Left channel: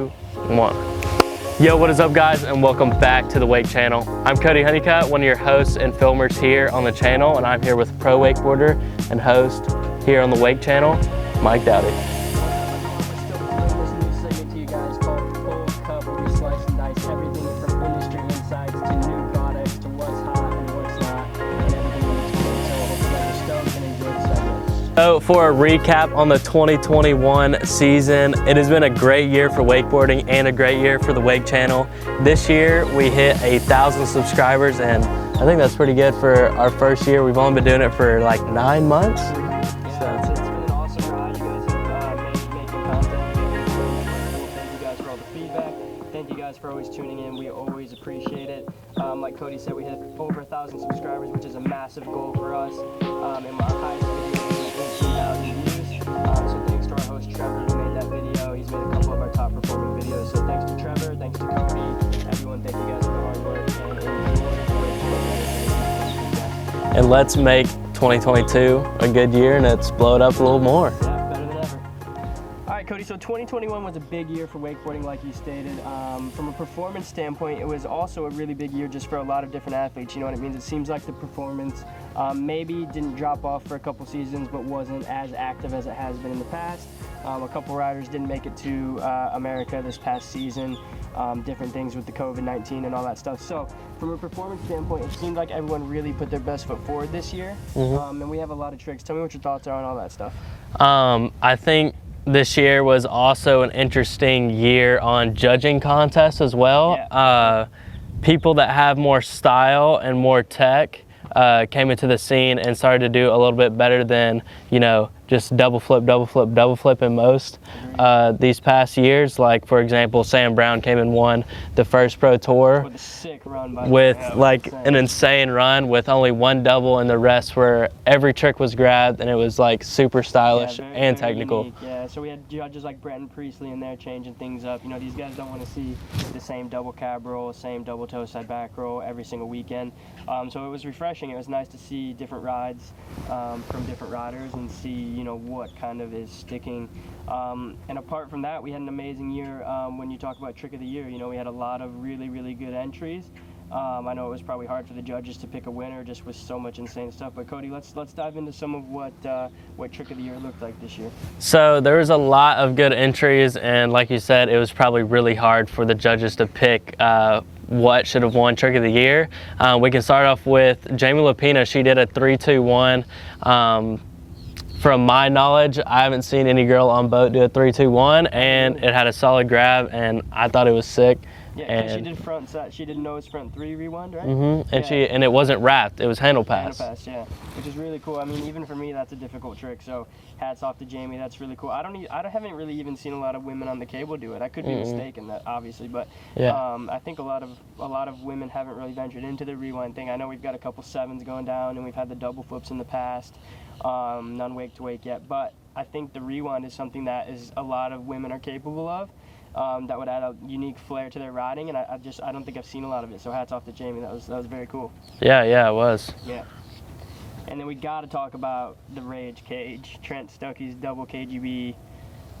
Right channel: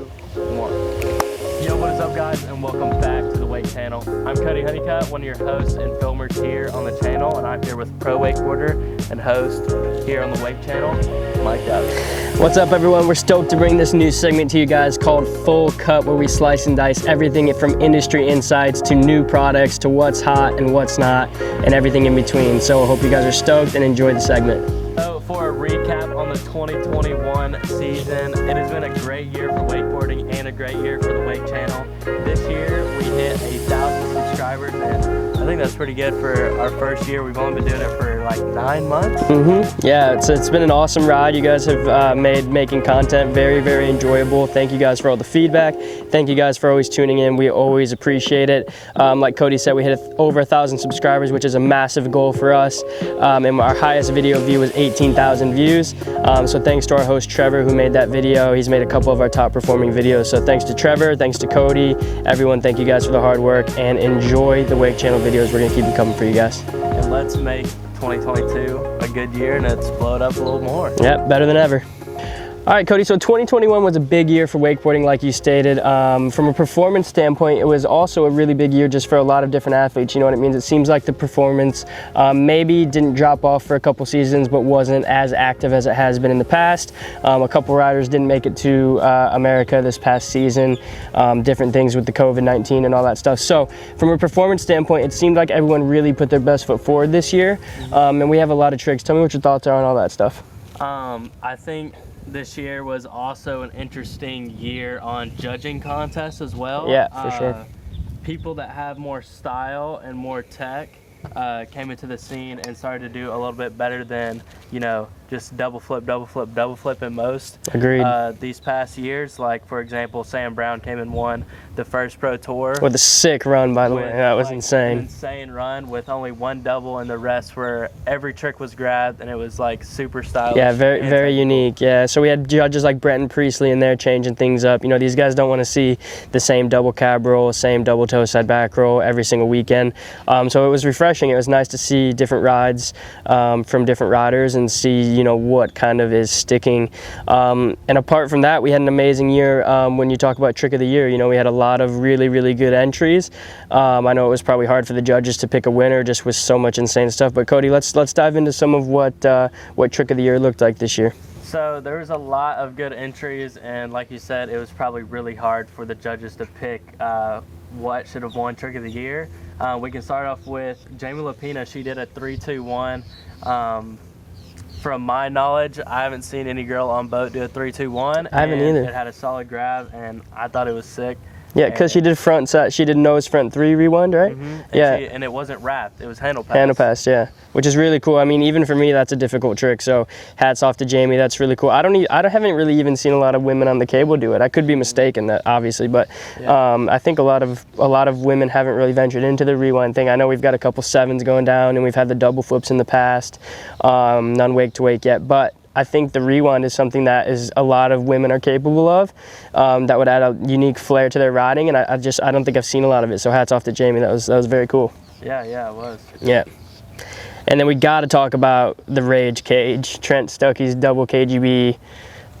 2, 1. Yo, what is up guys, and welcome back to the Wake Channel. I'm Cody Hunnicutt, one of your hosts and filmers here on the channel, and I'm here with pro wakeboarder and host here on the Wake Channel, Mike Dowdy. What's up everyone? We're stoked to bring this new segment to you guys called Full Cut, where we slice and dice everything from industry insights to new products to what's hot and what's not and everything in between. So I hope you guys are stoked and enjoy the segment. So for a recap on the 2021 season, it has been a great year for wakeboarding and a great year for the Wake Channel. This year we hit 1,000 subscribers, and I think that's pretty good for our first year. We've only been doing it for like 9 months. Yeah, it's been an awesome ride. You guys have made making content very, very enjoyable. Thank you guys for all the feedback. Thank you guys for always tuning in. We always appreciate it. Like Cody said, we hit over 1,000 subscribers, which is a massive goal for us. And our highest video view was 18,000 views. So thanks to our host Trevor, who made that video. He's made a couple of our top performing videos. So thanks to Trevor, thanks to Cody, everyone, thank you guys for the hard work, and enjoy the Wake Channel videos. We're gonna keep them coming for you guys. And let's make 2022 a good year and let's blow it up a little more. Yep, better than ever. All right, Cody, so 2021 was a big year for wakeboarding, like you stated. From a performance standpoint, it was also a really big year just for a lot of different athletes. You know what it means? It seems like the performance maybe didn't drop off for a couple seasons, but wasn't as active as it has been in the past. A couple riders didn't make it to America this past season, different things with the COVID-19 and all that stuff. So from a performance standpoint, it seemed like everyone really put their best foot forward this year. And we have a lot of tricks. Tell me what your thoughts are on all that stuff. I think this year was also an interesting year on judging contests as well. Yeah, for sure. People that have more style and more tech came into the scene and started to do a little bit better than, you know, just double flip in most. Agreed. These past years, like for example, Sam Brown came and won the first pro tour. With a sick run, by the way. That was like insane. an insane run with only one double, and the rest were every trick was grabbed, and it was like super stylish. Yeah, very technical. unique. Yeah, so we had judges like Brenton Priestley in there changing things up. You know, these guys don't want to see the same double cab roll, same double toe side back roll every single weekend. So it was refreshing. It was nice to see different rides from different riders and see, you know, what kind of is sticking. And apart from that, we had an amazing year when you talk about trick of the year. You know, we had a lot of really good entries. I know it was probably hard for the judges to pick a winner just with so much insane stuff. But Cody, let's dive into some of what trick of the year looked like this year. So there was a lot of good entries, and like you said, it was probably really hard for the judges to pick what should have won trick of the year. We can start off with Jamie Lapina. She did a 3-2-1. From my knowledge, I haven't seen any girl on boat do a 3-2-1, and it had a solid grab, and I thought it was sick. Yeah, because she did front set, she did nose front 3 rewind, right? And it wasn't wrapped, it was handle pass. Handle pass, yeah, which is really cool. I mean, even for me, that's a difficult trick. So hats off to Jamie. That's really cool. I haven't really even seen a lot of women on the cable do it. I could be mistaken, that obviously, but I think a lot of women haven't really ventured into the rewind thing. I know we've got a couple 7s going down, and we've had the double flips in the past, none wake to wake yet, but I think the rewind is something that is a lot of women are capable of. That would add a unique flair to their riding, and I don't think I've seen a lot of it. So hats off to Jamie. That was very cool. Yeah, it was. Yeah. And then we got to talk about the Rage Cage. Trent Stuckey's double KGB.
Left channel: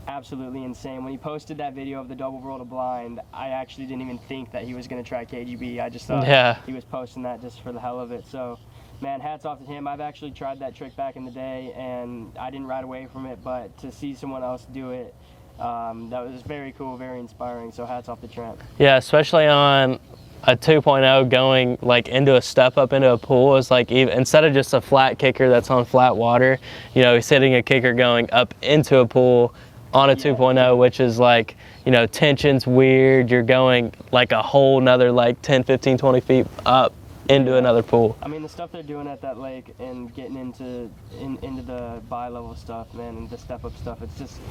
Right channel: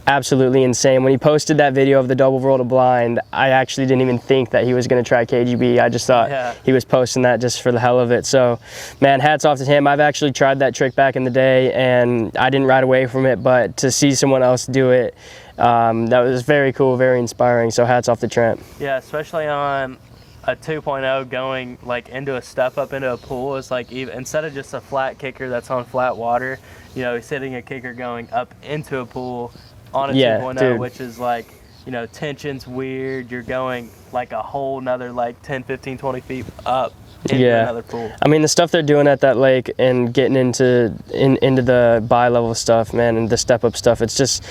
Absolutely insane. When he posted that video of the double roll to blind, I actually didn't even think that he was going to try KGB. I just thought he was posting that just for the hell of it. So, man, hats off to him. I've actually tried that trick back in the day, and I didn't ride away from it, but to see someone else do it, that was very cool, very inspiring. So hats off to Trent. Yeah, especially on a 2.0 going like into a step up into a pool is like, even instead of just a flat kicker that's on flat water, you know, he's hitting a kicker going up into a pool on a 2.0, which is like, you know, tension's weird. You're going like a whole nother like 10, 15, 20 feet up into another pool. I mean, the stuff they're doing at that lake and getting into the bi-level stuff, man, and the step-up stuff, it's just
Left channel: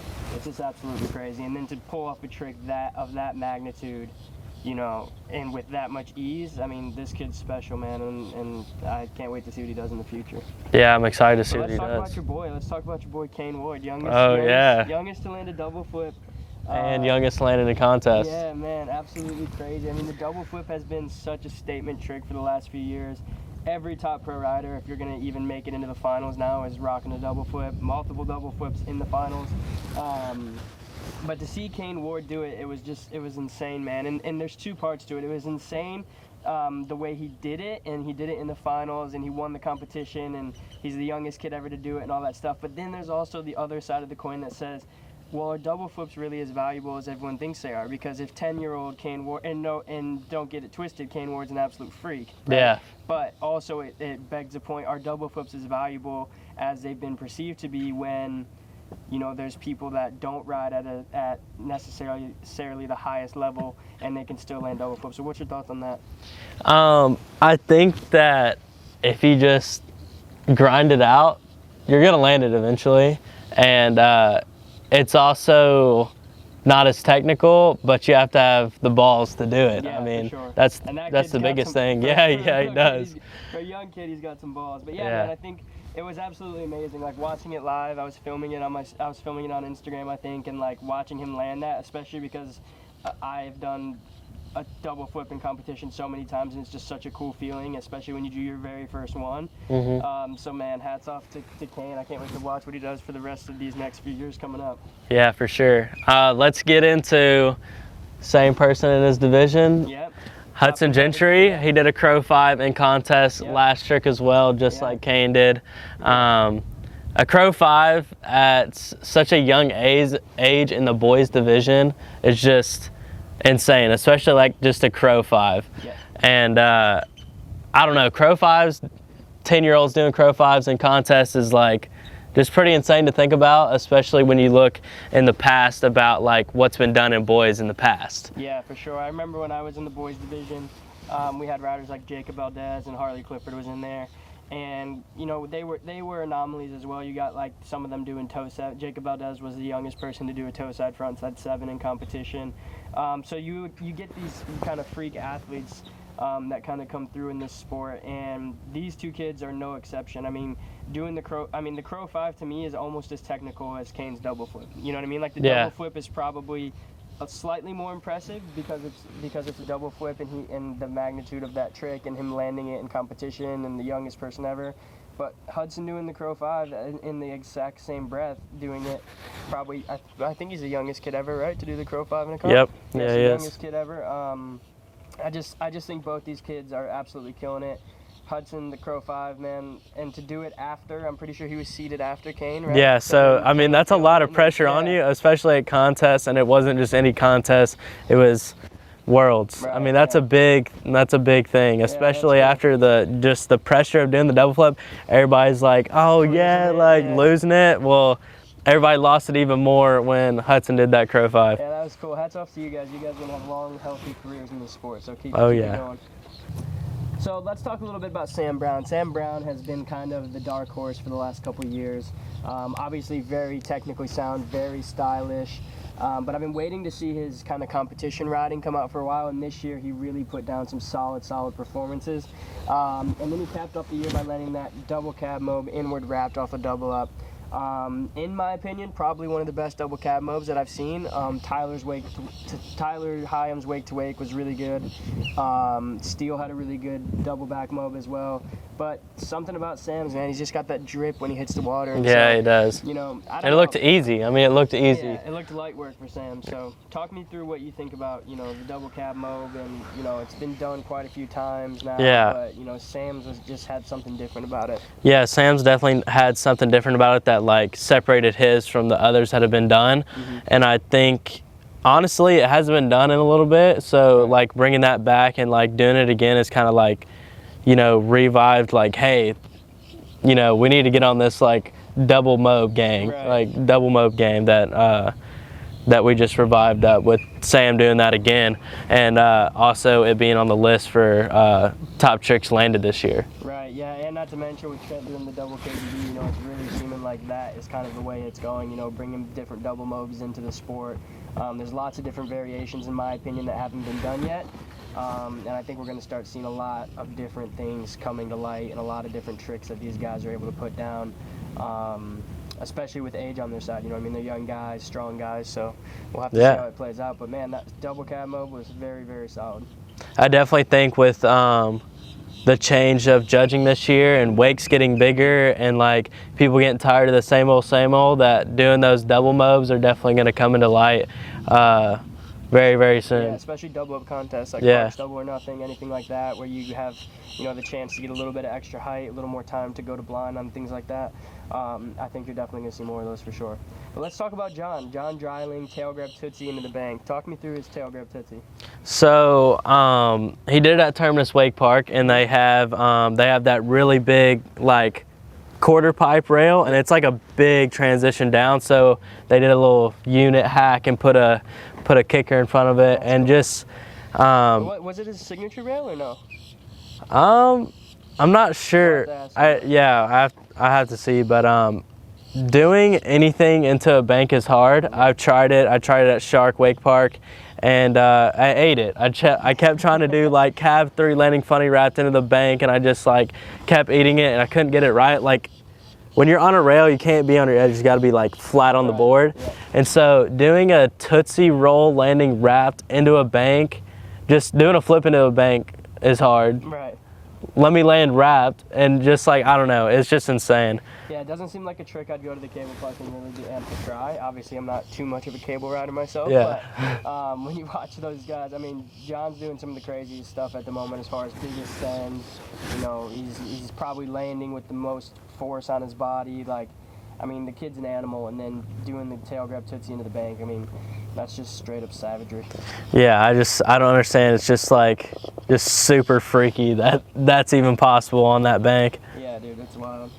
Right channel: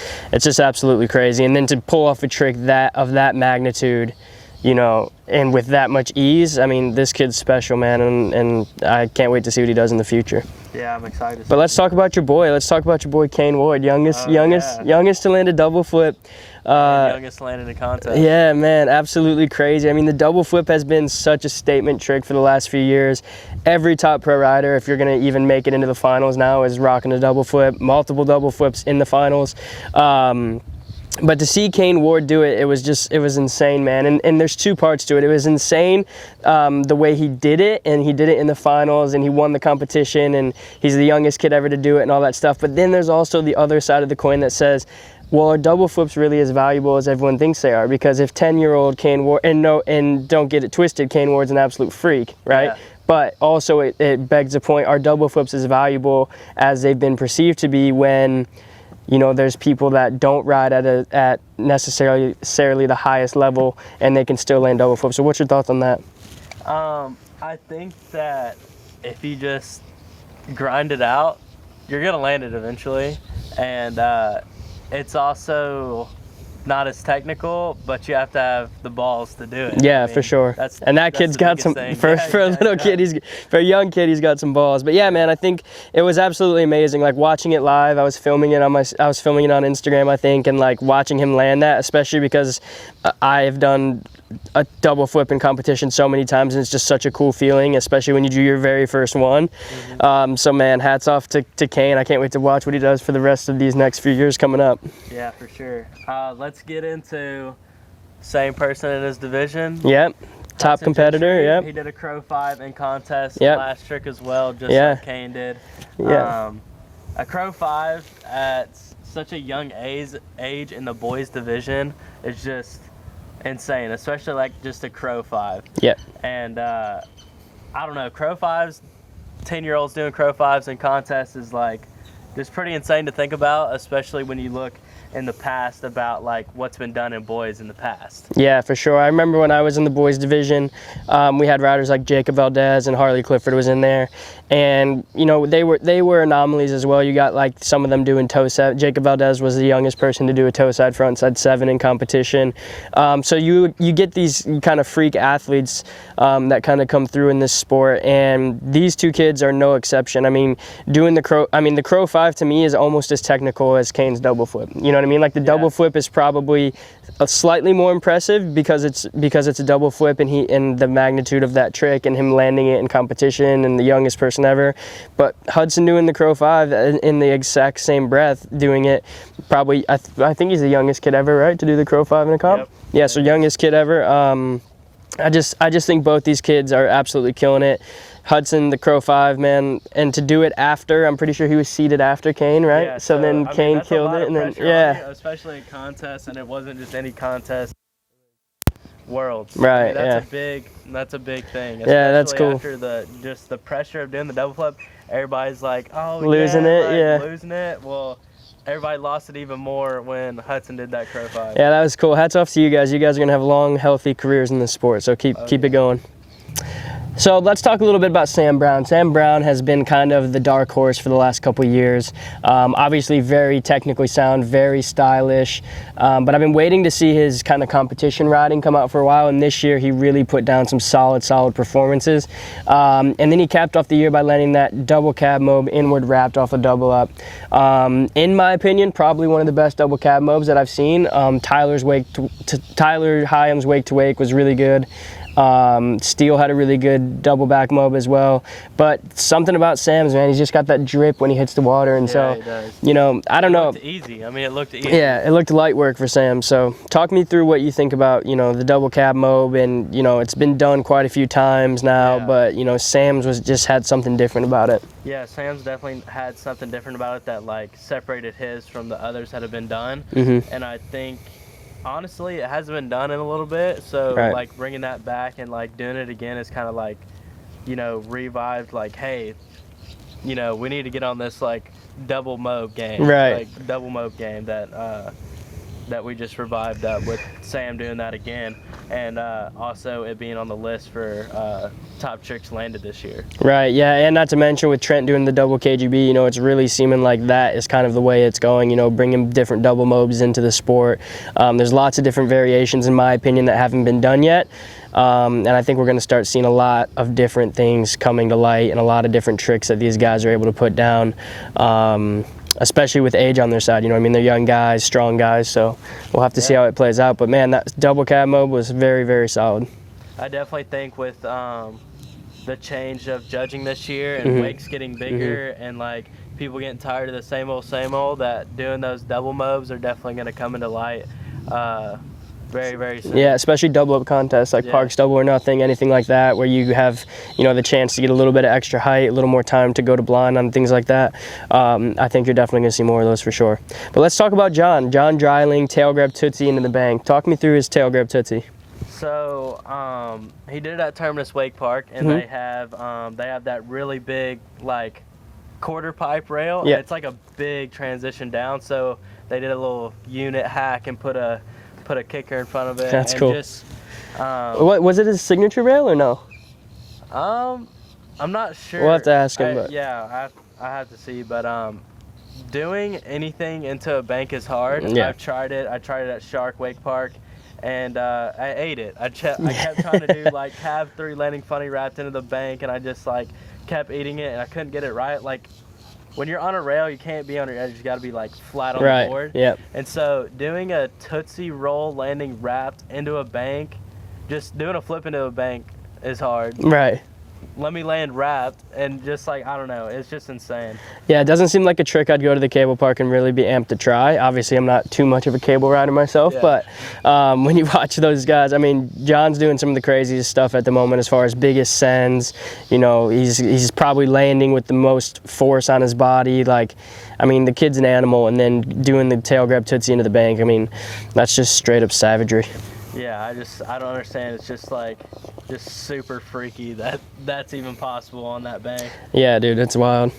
absolutely crazy. And then to pull off a trick of that magnitude, you know, and with that much ease, I mean, this kid's special, man, and I can't wait to see what he does in the future. Yeah, I'm excited to see. But let's talk about your boy. Let's talk about your boy Kane Ward, youngest to land a double flip. Youngest landed a contest. Yeah, man, absolutely crazy. I mean, the double flip has been such a statement trick for the last few years. Every top pro rider, if you're gonna even make it into the finals now, is rocking a double flip, multiple double flips in the finals. But to see Kane Ward do it, it was insane, man. And there's two parts to it. It was insane the way he did it, and he did it in the finals, and he won the competition, and he's the youngest kid ever to do it and all that stuff. But then there's also the other side of the coin that says, well, are double flips really as valuable as everyone thinks they are? Because if 10-year-old Kane Ward, and don't get it twisted, Kane Ward's an absolute freak, right? Yeah. But also it begs the point, are double flips as valuable as they've been perceived to be when, you know, there's people that don't ride at necessarily the highest level, and they can still land double flips. So what's your thoughts on that? I think that if you just grind it out, you're gonna land it eventually, and it's also not as technical, but you have to have the balls to do it. Yeah, I mean, for sure. And that kid's got some thing. for a young kid, he's got some balls. But yeah, man, I think it was absolutely amazing. Like watching it live, I was filming it on Instagram, I think, and like watching him land that, especially because I have done a double flip in competition so many times, and it's just such a cool feeling, especially when you do your very first one. So man, hats off to Kane. I can't wait to watch what he does for the rest of these next few years coming up. Yeah, for sure. Let's get into same person in his division. Yep. Top Hudson competitor. Gentry. Yep. He did a Crow 5 in contest last trick as well, just like Kane did. A Crow 5 at such a young age in the boys division is just insane, especially like just a Crow 5. Yeah. And I don't know, Crow 5s, 10-year-olds doing Crow 5s in contests is like just pretty insane to think about, especially when you look in the past about like what's been done in boys in the past. Yeah, for sure. I remember when I was in the boys division, we had riders like Jacob Valdez and Harley Clifford was in there. And, you know, they were anomalies as well. You got like some of them doing toe set. Jacob Valdez was the youngest person to do a toe side front side 7 in competition. So you get these kind of freak athletes that kind of come through in this sport, and these two kids are no exception. I mean, the Crow 5 to me is almost as technical as Kane's double flip. You know what I mean? Like the double flip is probably slightly more impressive because it's a double flip and the magnitude of that trick and him landing it in competition and the youngest person ever. But Hudson doing the Crow 5 in the exact same breath doing it, probably I think he's the youngest kid ever, right, to do the Crow 5 in a comp? Yep. Yeah, so youngest kid ever. I just think both these kids are absolutely killing it. Hudson, the Crow 5, man, and to do it after, I'm pretty sure he was seeded after Kane, right? Yeah, so I mean, that's a lot of pressure on you, yeah. especially at contests, and it wasn't just any contest, it was Worlds. Right, I mean, that's a big thing, especially cool. after the pressure of doing the double flip. Everybody's like, oh, losing it. Well, everybody lost it even more when Hudson did that Crow 5. Yeah, that was cool. Hats off to you guys. You guys are going to have long, healthy careers in this sport, so keep it going. So let's talk a little bit about Sam Brown. Sam Brown has been kind of the dark horse for the last couple of years. Obviously very technically sound, very stylish, but I've been waiting to see his kind of competition riding come out for a while, and this year he really put down some solid performances. And then he capped off the year by landing that double cab mob inward wrapped off a double up. In my opinion, probably one of the best double cab mobs that I've seen. Tyler Hyam's wake to wake was really good. Steele had a really good double back mob as well, but something about Sam's, man, he's just got that drip when he hits the water, and yeah, he does. You know, I don't know. It looked easy. I mean, it looked easy. Yeah, it looked light work for Sam. So talk me through what you think about, you know, the double cab mob, and you know, it's been done quite a few times now, but you know, Sam's just had something different about it. Yeah, Sam's definitely had something different about it that like separated his from the others that have been done, and I think, honestly, it hasn't been done in a little bit, so like bringing that back and like doing it again is kind of like, you know, revived, like, hey, you know, we need to get on this like double mob game, like double mob game that we just revived up with Sam doing that again, and also it being on the list for top tricks landed this year. Right, yeah, and not to mention with Trent doing the double KGB, you know, it's really seeming like that is kind of the way it's going, you know, bringing different double mobs into the sport. There's lots of different variations, in my opinion, that haven't been done yet. And I think we're going to start seeing a lot of different things coming to light and a lot of different tricks that these guys are able to put down, especially with age on their side. You know what I mean? They're young guys, strong guys, so we'll have to see how it plays out. But, man, that double cab mob was very, very solid. I definitely think with the change of judging this year and wakes getting bigger and like people getting tired of the same old, that doing those double mobs are definitely going to come into light very, very soon. Yeah, especially double up contests like Parks Double or Nothing, anything like that, where you have, you know, the chance to get a little bit of extra height, a little more time to go to blind on things like that. I think you're definitely going to see more of those for sure. But let's talk about John Dryling, tail grab Tootsie into the bank. Talk me through his tail grab Tootsie. So he did it at Terminus Wake Park, and they have that really big like quarter pipe rail, and it's like a big transition down. So they did a little unit hack and put a kicker in front of it. That's and cool. Just what was it, his signature rail or no? I'm not sure. We'll have to ask him. I have to see, but doing anything into a bank is hard. Yeah. I've tried it. I tried it at Shark Wake Park, and I ate it. I kept trying to do like cab 3 landing funny wrapped into the bank, and I just like kept eating it, and I couldn't get it right. Like when you're on a rail, you can't be on your edge. You got to be like flat on the board. Yep. And so doing a Tootsie roll landing wrapped into a bank, just doing a flip into a bank is hard. Right. Let me land wrapped, and just like, I don't know, it's just insane. Yeah, it doesn't seem like a trick I'd go to the cable park and really be amped to try. Obviously, I'm not too much of a cable rider myself, but when you watch those guys, I mean, John's doing some of the craziest stuff at the moment as far as biggest sends. You know, he's probably landing with the most force on his body. Like, I mean, the kid's an animal, and then doing the tail grab Tootsie into the bank, I mean, that's just straight up savagery. Yeah, I don't understand. It's just like, just super freaky that that's even possible on that bank. Yeah, dude, it's wild.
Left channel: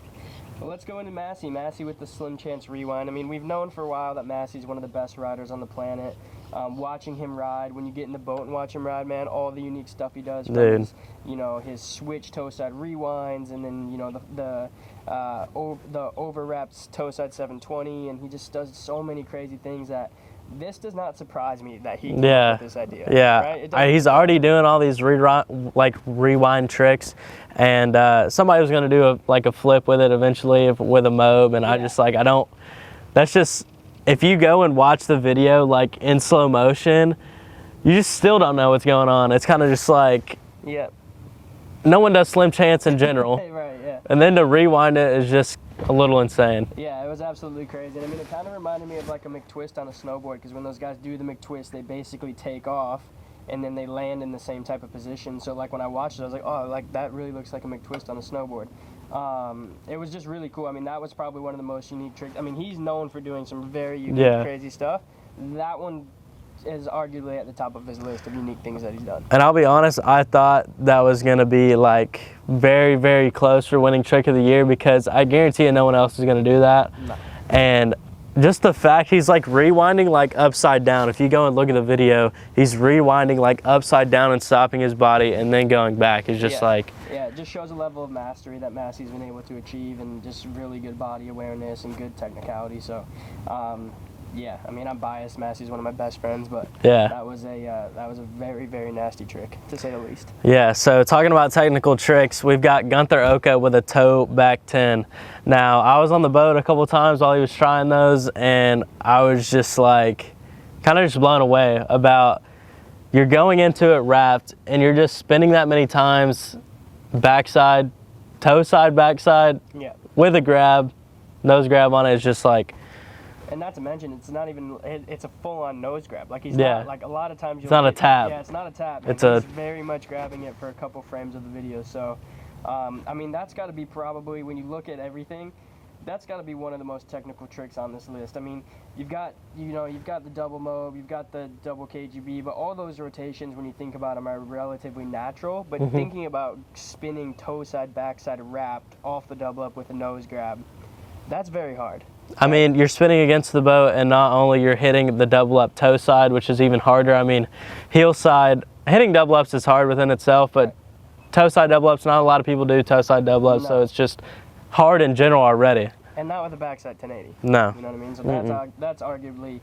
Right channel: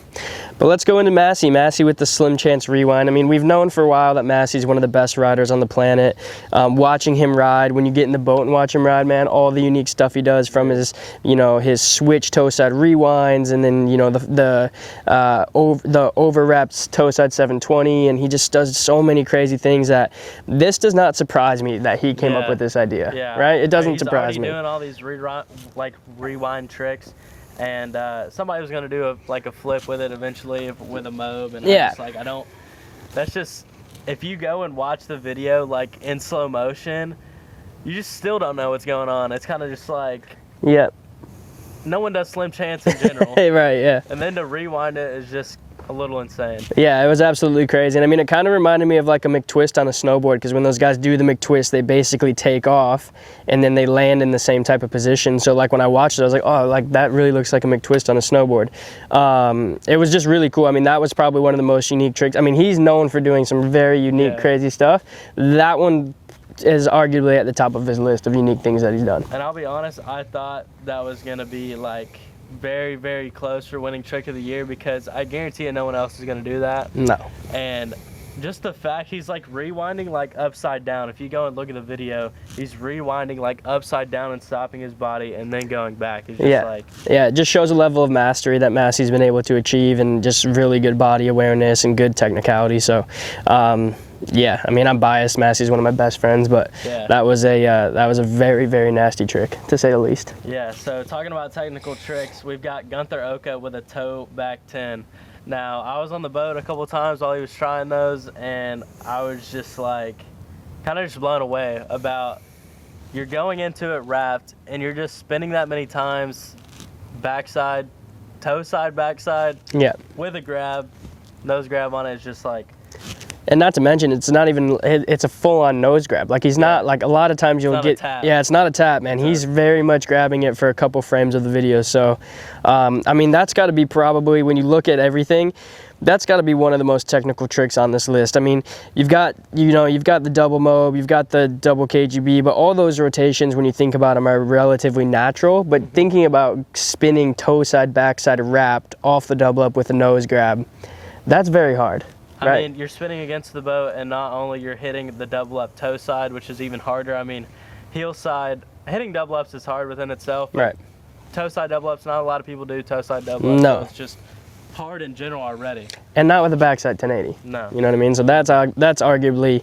But let's go into Massey. Massey with the Slim Chance Rewind. I mean, we've known for a while that Massey's one of the best riders on the planet. Watching him ride, when you get in the boat and watch him ride, man, all the unique stuff he does from his, you know, his switch toe side rewinds, and then, you know, the over wraps toe side 720, and he just does so many crazy things that this does not surprise me that he came up with this idea. Yeah, right? It doesn't. He's surprise already me. doing all these rewind tricks. And somebody was going to do a flip with it eventually with a mob, and that's just, if you go and watch the video like in slow motion, you just still don't know what's going on. It's kind of just like, no one does Slim Chance in general. Right, yeah. And then to rewind it is just a little insane. Yeah, it was absolutely crazy. And I mean, it kind of reminded me of like a McTwist on a snowboard, because when those guys do the McTwist, they basically take off and then they land in the same type of position. So like when I watched it, I was like, oh, like that really looks like a McTwist on a snowboard. It was just really cool. I mean, that was probably one of the most unique tricks. I mean, he's known for doing some very unique, crazy stuff. That one is arguably at the top of his list of unique things that he's done. And I'll be honest, I thought that was going to be like very, very close for winning trick of the year, because I guarantee you no one else is going to do that. No. And just the fact he's like rewinding like upside down. If you go and look at the video, he's rewinding like upside down and stopping his body and then going back. It's just yeah, it just shows a level of mastery that Massey's been able to achieve, and just really good body awareness and good technicality. So yeah, I mean, I'm biased. Massey's one of my best friends, but that was a very, very nasty trick, to say the least. Yeah, so talking about technical tricks, we've got Gunther Oka with a toe back 10. Now, I was on the boat a couple times while he was trying those, and I was just like, kind of just blown away about, you're going into it wrapped, and you're just spinning that many times, backside, toe side, backside, with a grab, nose grab on it. It's just like, and not to mention, it's not even, it's a full-on nose grab. Like, he's not, like, a lot of times you'll get... It's not a tap. Yeah, it's not a tap, man. He's very much grabbing it for a couple frames of the video. So, I mean, that's got to be probably, when you look at everything, that's got to be one of the most technical tricks on this list. I mean, you've got the double mob, you've got the double KGB, but all those rotations, when you think about them, are relatively natural. But thinking about spinning toe side, backside wrapped off the double up with a nose grab, that's very hard. I mean, you're spinning against the boat, and not only you're hitting the double up toe side, which is even harder. I mean, heel side, hitting double ups is hard within itself, but toe side double ups, not a lot of people do toe side double ups, so it's just hard in general already. And not with a backside 1080. No. You know what I mean? So that's arguably,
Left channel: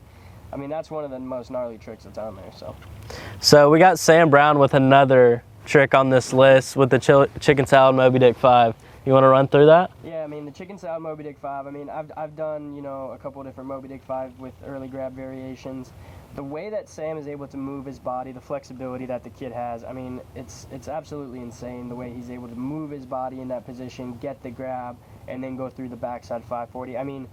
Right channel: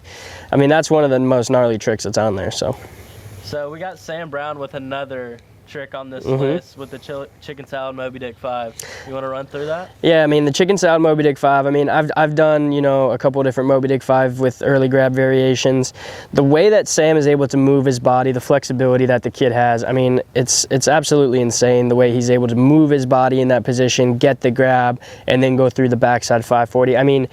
I mean, that's one of the most gnarly tricks that's on there. So we got Sam Brown with another trick on this list with the chicken salad Moby Dick 5. You want to run through that? Yeah, I mean, the chicken salad Moby Dick 5, I mean, I've done, you know, a couple of different Moby Dick 5 with early grab variations. The way that Sam is able to move his body, the flexibility that the kid has, I mean, it's absolutely insane the way he's able to move his body in that position, get the grab, and then go through the backside 540. I mean,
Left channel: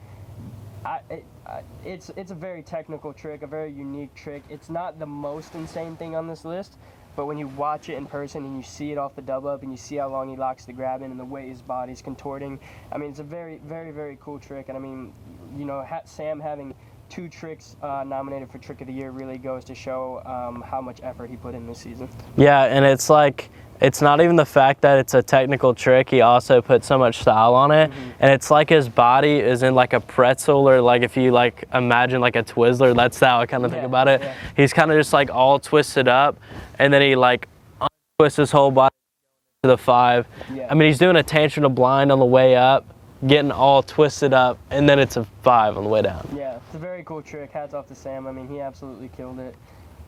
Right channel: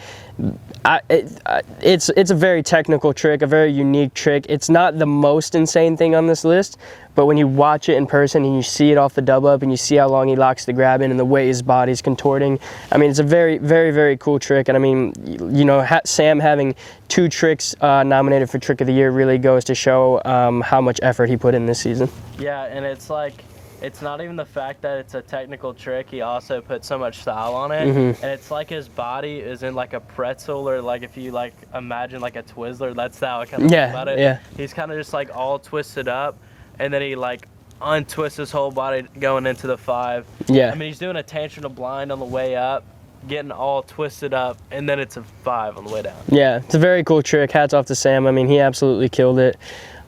it's a very technical trick, a very unique trick. It's not the most insane thing on this list, but when you watch it in person and you see it off the double up and you see how long he locks the grab in and the way his body's contorting, I mean, it's a very, very, very cool trick. And I mean, you know, Sam having 2 tricks nominated for Trick of the Year really goes to show how much effort he put in this season. Yeah, and it's like, it's not even the fact that it's a technical trick. He also put so much style on it. And it's like his body is in like a pretzel, or like if you like imagine like a Twizzler, that's how I kind of think about it. Yeah. He's kind of just like all twisted up, and then he like untwists his whole body going into the 5. Yeah. I mean, he's doing a tantrum to blind on the way up, getting all twisted up, and then it's a 5 on the way down. Yeah, it's a very cool trick. Hats off to Sam. I mean, he absolutely killed it.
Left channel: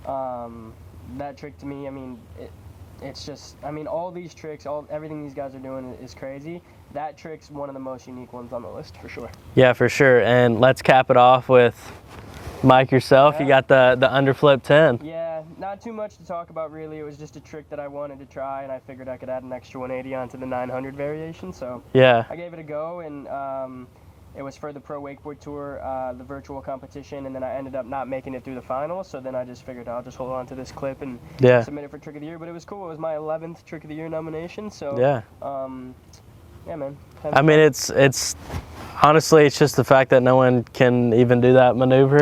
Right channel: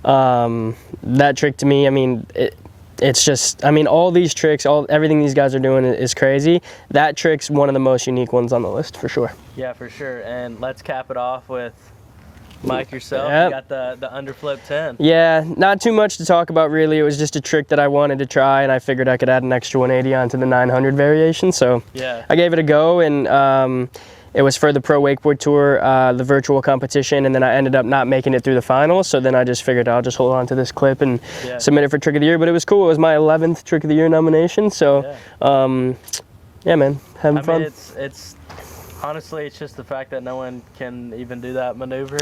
That trick to me, I mean, it's just, I mean, all these tricks, everything these guys are doing is crazy. That trick's one of the most unique ones on the list, for sure. Yeah, for sure. And let's cap it off with Mike yourself. Yep. You got the underflip 10. Yeah, not too much to talk about, really. It was just a trick that I wanted to try, and I figured I could add an extra 180 onto the 900 variation. So yeah, I gave it a go, and it was for the Pro Wakeboard Tour, the virtual competition, and then I ended up not making it through the finals. So then I just figured I'll just hold on to this clip and submit it for Trick of the Year. But it was cool. It was my 11th Trick of the Year nomination. So yeah, man, having fun. mean, it's honestly, it's just the fact that no one can even do that maneuver.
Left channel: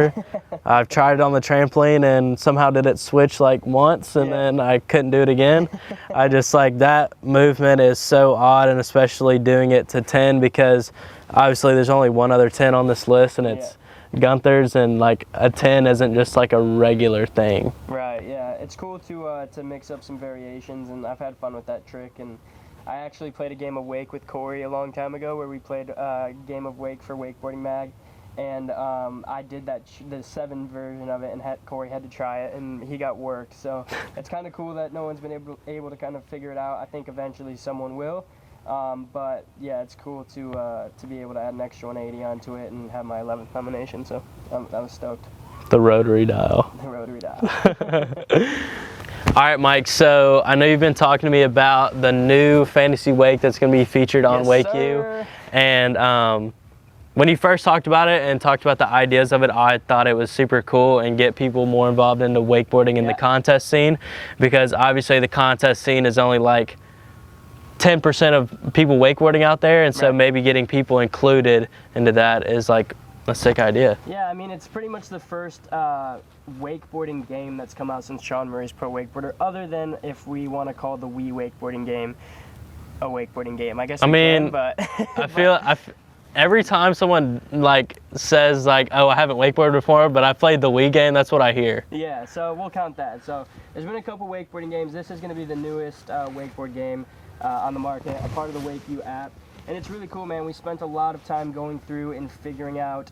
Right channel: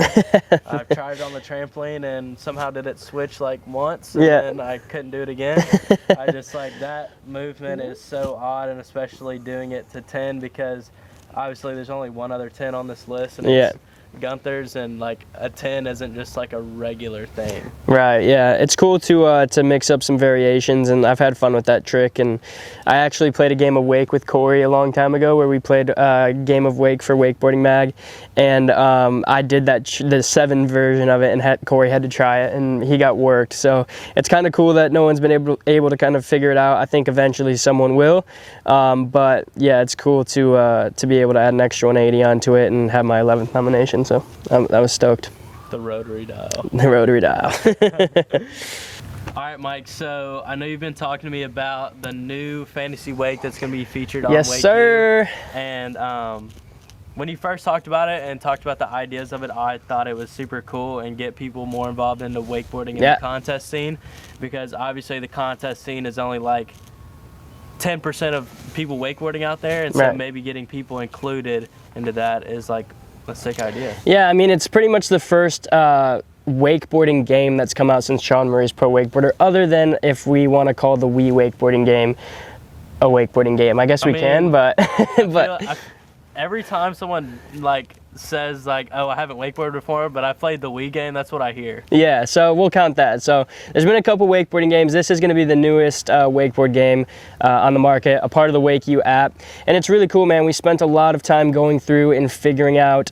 I've tried it on the trampoline and somehow did it switch like once, and then I couldn't do it again. I just like, that movement is so odd, and especially doing it to 10, because obviously there's only one other 10 on this list, and it's Gunther's, and like a 10 isn't just like a regular thing. Right, yeah. It's cool to mix up some variations, and I've had fun with that trick. And I actually played a game of wake with Corey a long time ago, where we played a game of wake for Wakeboarding Mag, and I did the 7 version of it, and Corey had to try it, and he got worked. So it's kind of cool that no one's been able to kind of figure it out. I think eventually someone will, but yeah, it's cool to be able to add an extra 180 onto it and have my 11th nomination. So I was stoked. The rotary dial. The rotary dial. All right, Mike, so I know you've been talking to me about the new fantasy wake that's going to be featured on Yes, Wake sir. U. And when you first talked about it and talked about the ideas of it, I thought it was super cool and get people more involved in the wakeboarding and the contest scene, because obviously the contest scene is only like 10% of people wakeboarding out there, and so maybe getting people included into that is like a sick idea. Yeah, I mean, it's pretty much the first wakeboarding game that's come out since Sean Murray's Pro Wakeboarder, other than if we want to call the Wii wakeboarding game a wakeboarding game. I guess we can, but every time someone like says like, oh, I haven't wakeboarded before, but I played the Wii game, that's what I hear. Yeah, so we'll count that. So there's been a couple wakeboarding games. This is going to be the newest wakeboard game on the market, a part of the Wake U app. And it's really cool, man. We spent a lot of time going through and figuring out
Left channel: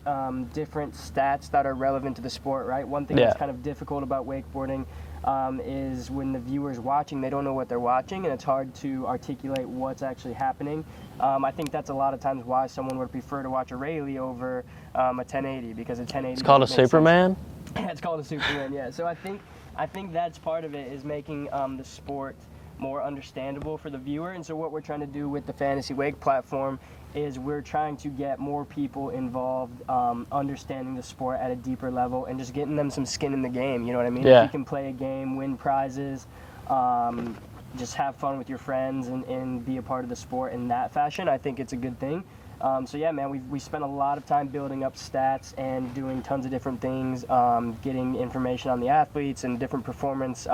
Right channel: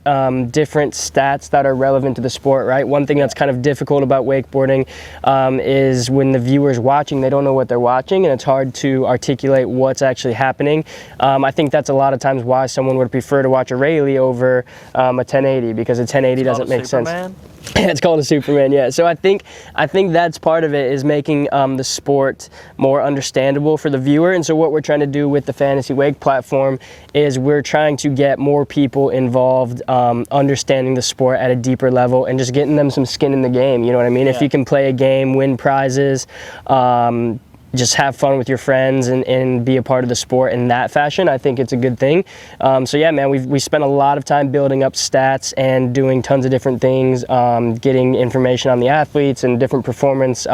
different stats that are relevant to the sport, right? One thing that's kind of difficult about wakeboarding is when the viewer's watching, they don't know what they're watching, and it's hard to articulate what's actually happening. I think that's a lot of times why someone would prefer to watch a Rayleigh over a 1080, because a 1080 doesn't make Superman? sense. It's called a Superman, yeah. So I think that's part of it, is making the sport more understandable for the viewer. And so what we're trying to do with the Fantasy Wake platform is we're trying to get more people involved, understanding the sport at a deeper level, and just getting them some skin in the game. You know what I mean? If you can play a game, win prizes, just have fun with your friends and be a part of the sport in that fashion, I think it's a good thing. So yeah, man, we spent a lot of time building up stats and doing tons of different things, getting information on the athletes and different performance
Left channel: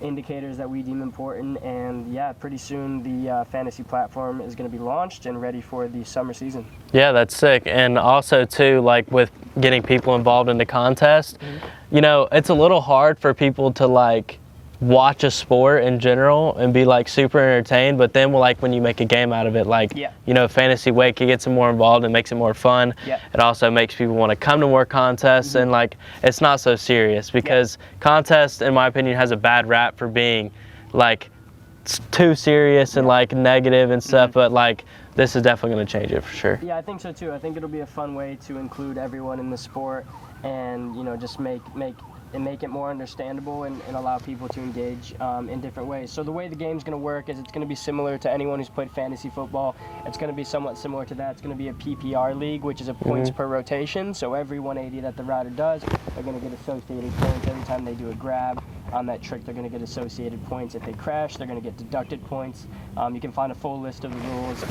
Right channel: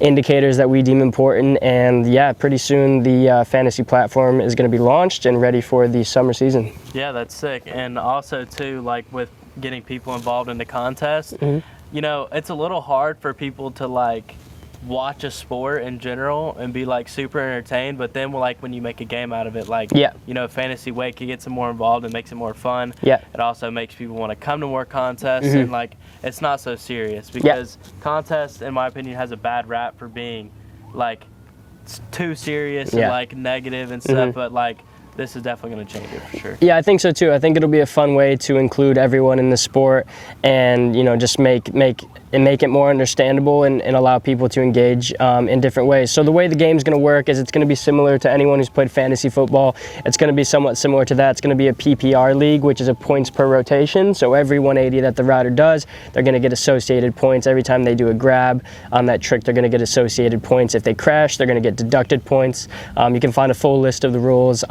indicators that we deem important. And yeah, pretty soon the fantasy platform is going to be launched and ready for the summer season. Yeah, that's sick. And also too, like with getting people involved in the contest, you know, it's a little hard for people to like watch a sport in general and be like super entertained, but then like when you make a game out of it, like you know, Fantasy Wake, it gets them more involved and makes it more fun. It also makes people want to come to more contests, and like it's not so serious, because contest, in my opinion, has a bad rap for being like too serious and like negative and stuff, but like this is definitely going to change it for sure. Yeah, I think so too. I think it'll be a fun way to include everyone in the sport, and just make it more understandable and allow people to engage in different ways. So the way the game's going to work is it's going to be similar to anyone who's played fantasy football. It's going to be somewhat similar to that. It's going to be a PPR league, which is a points per rotation. So every 180 that the rider does, they're going to get associated points. Every time they do a grab on that trick, they're going to get associated points. If they crash, they're going to get deducted points. You can find a full list of the rules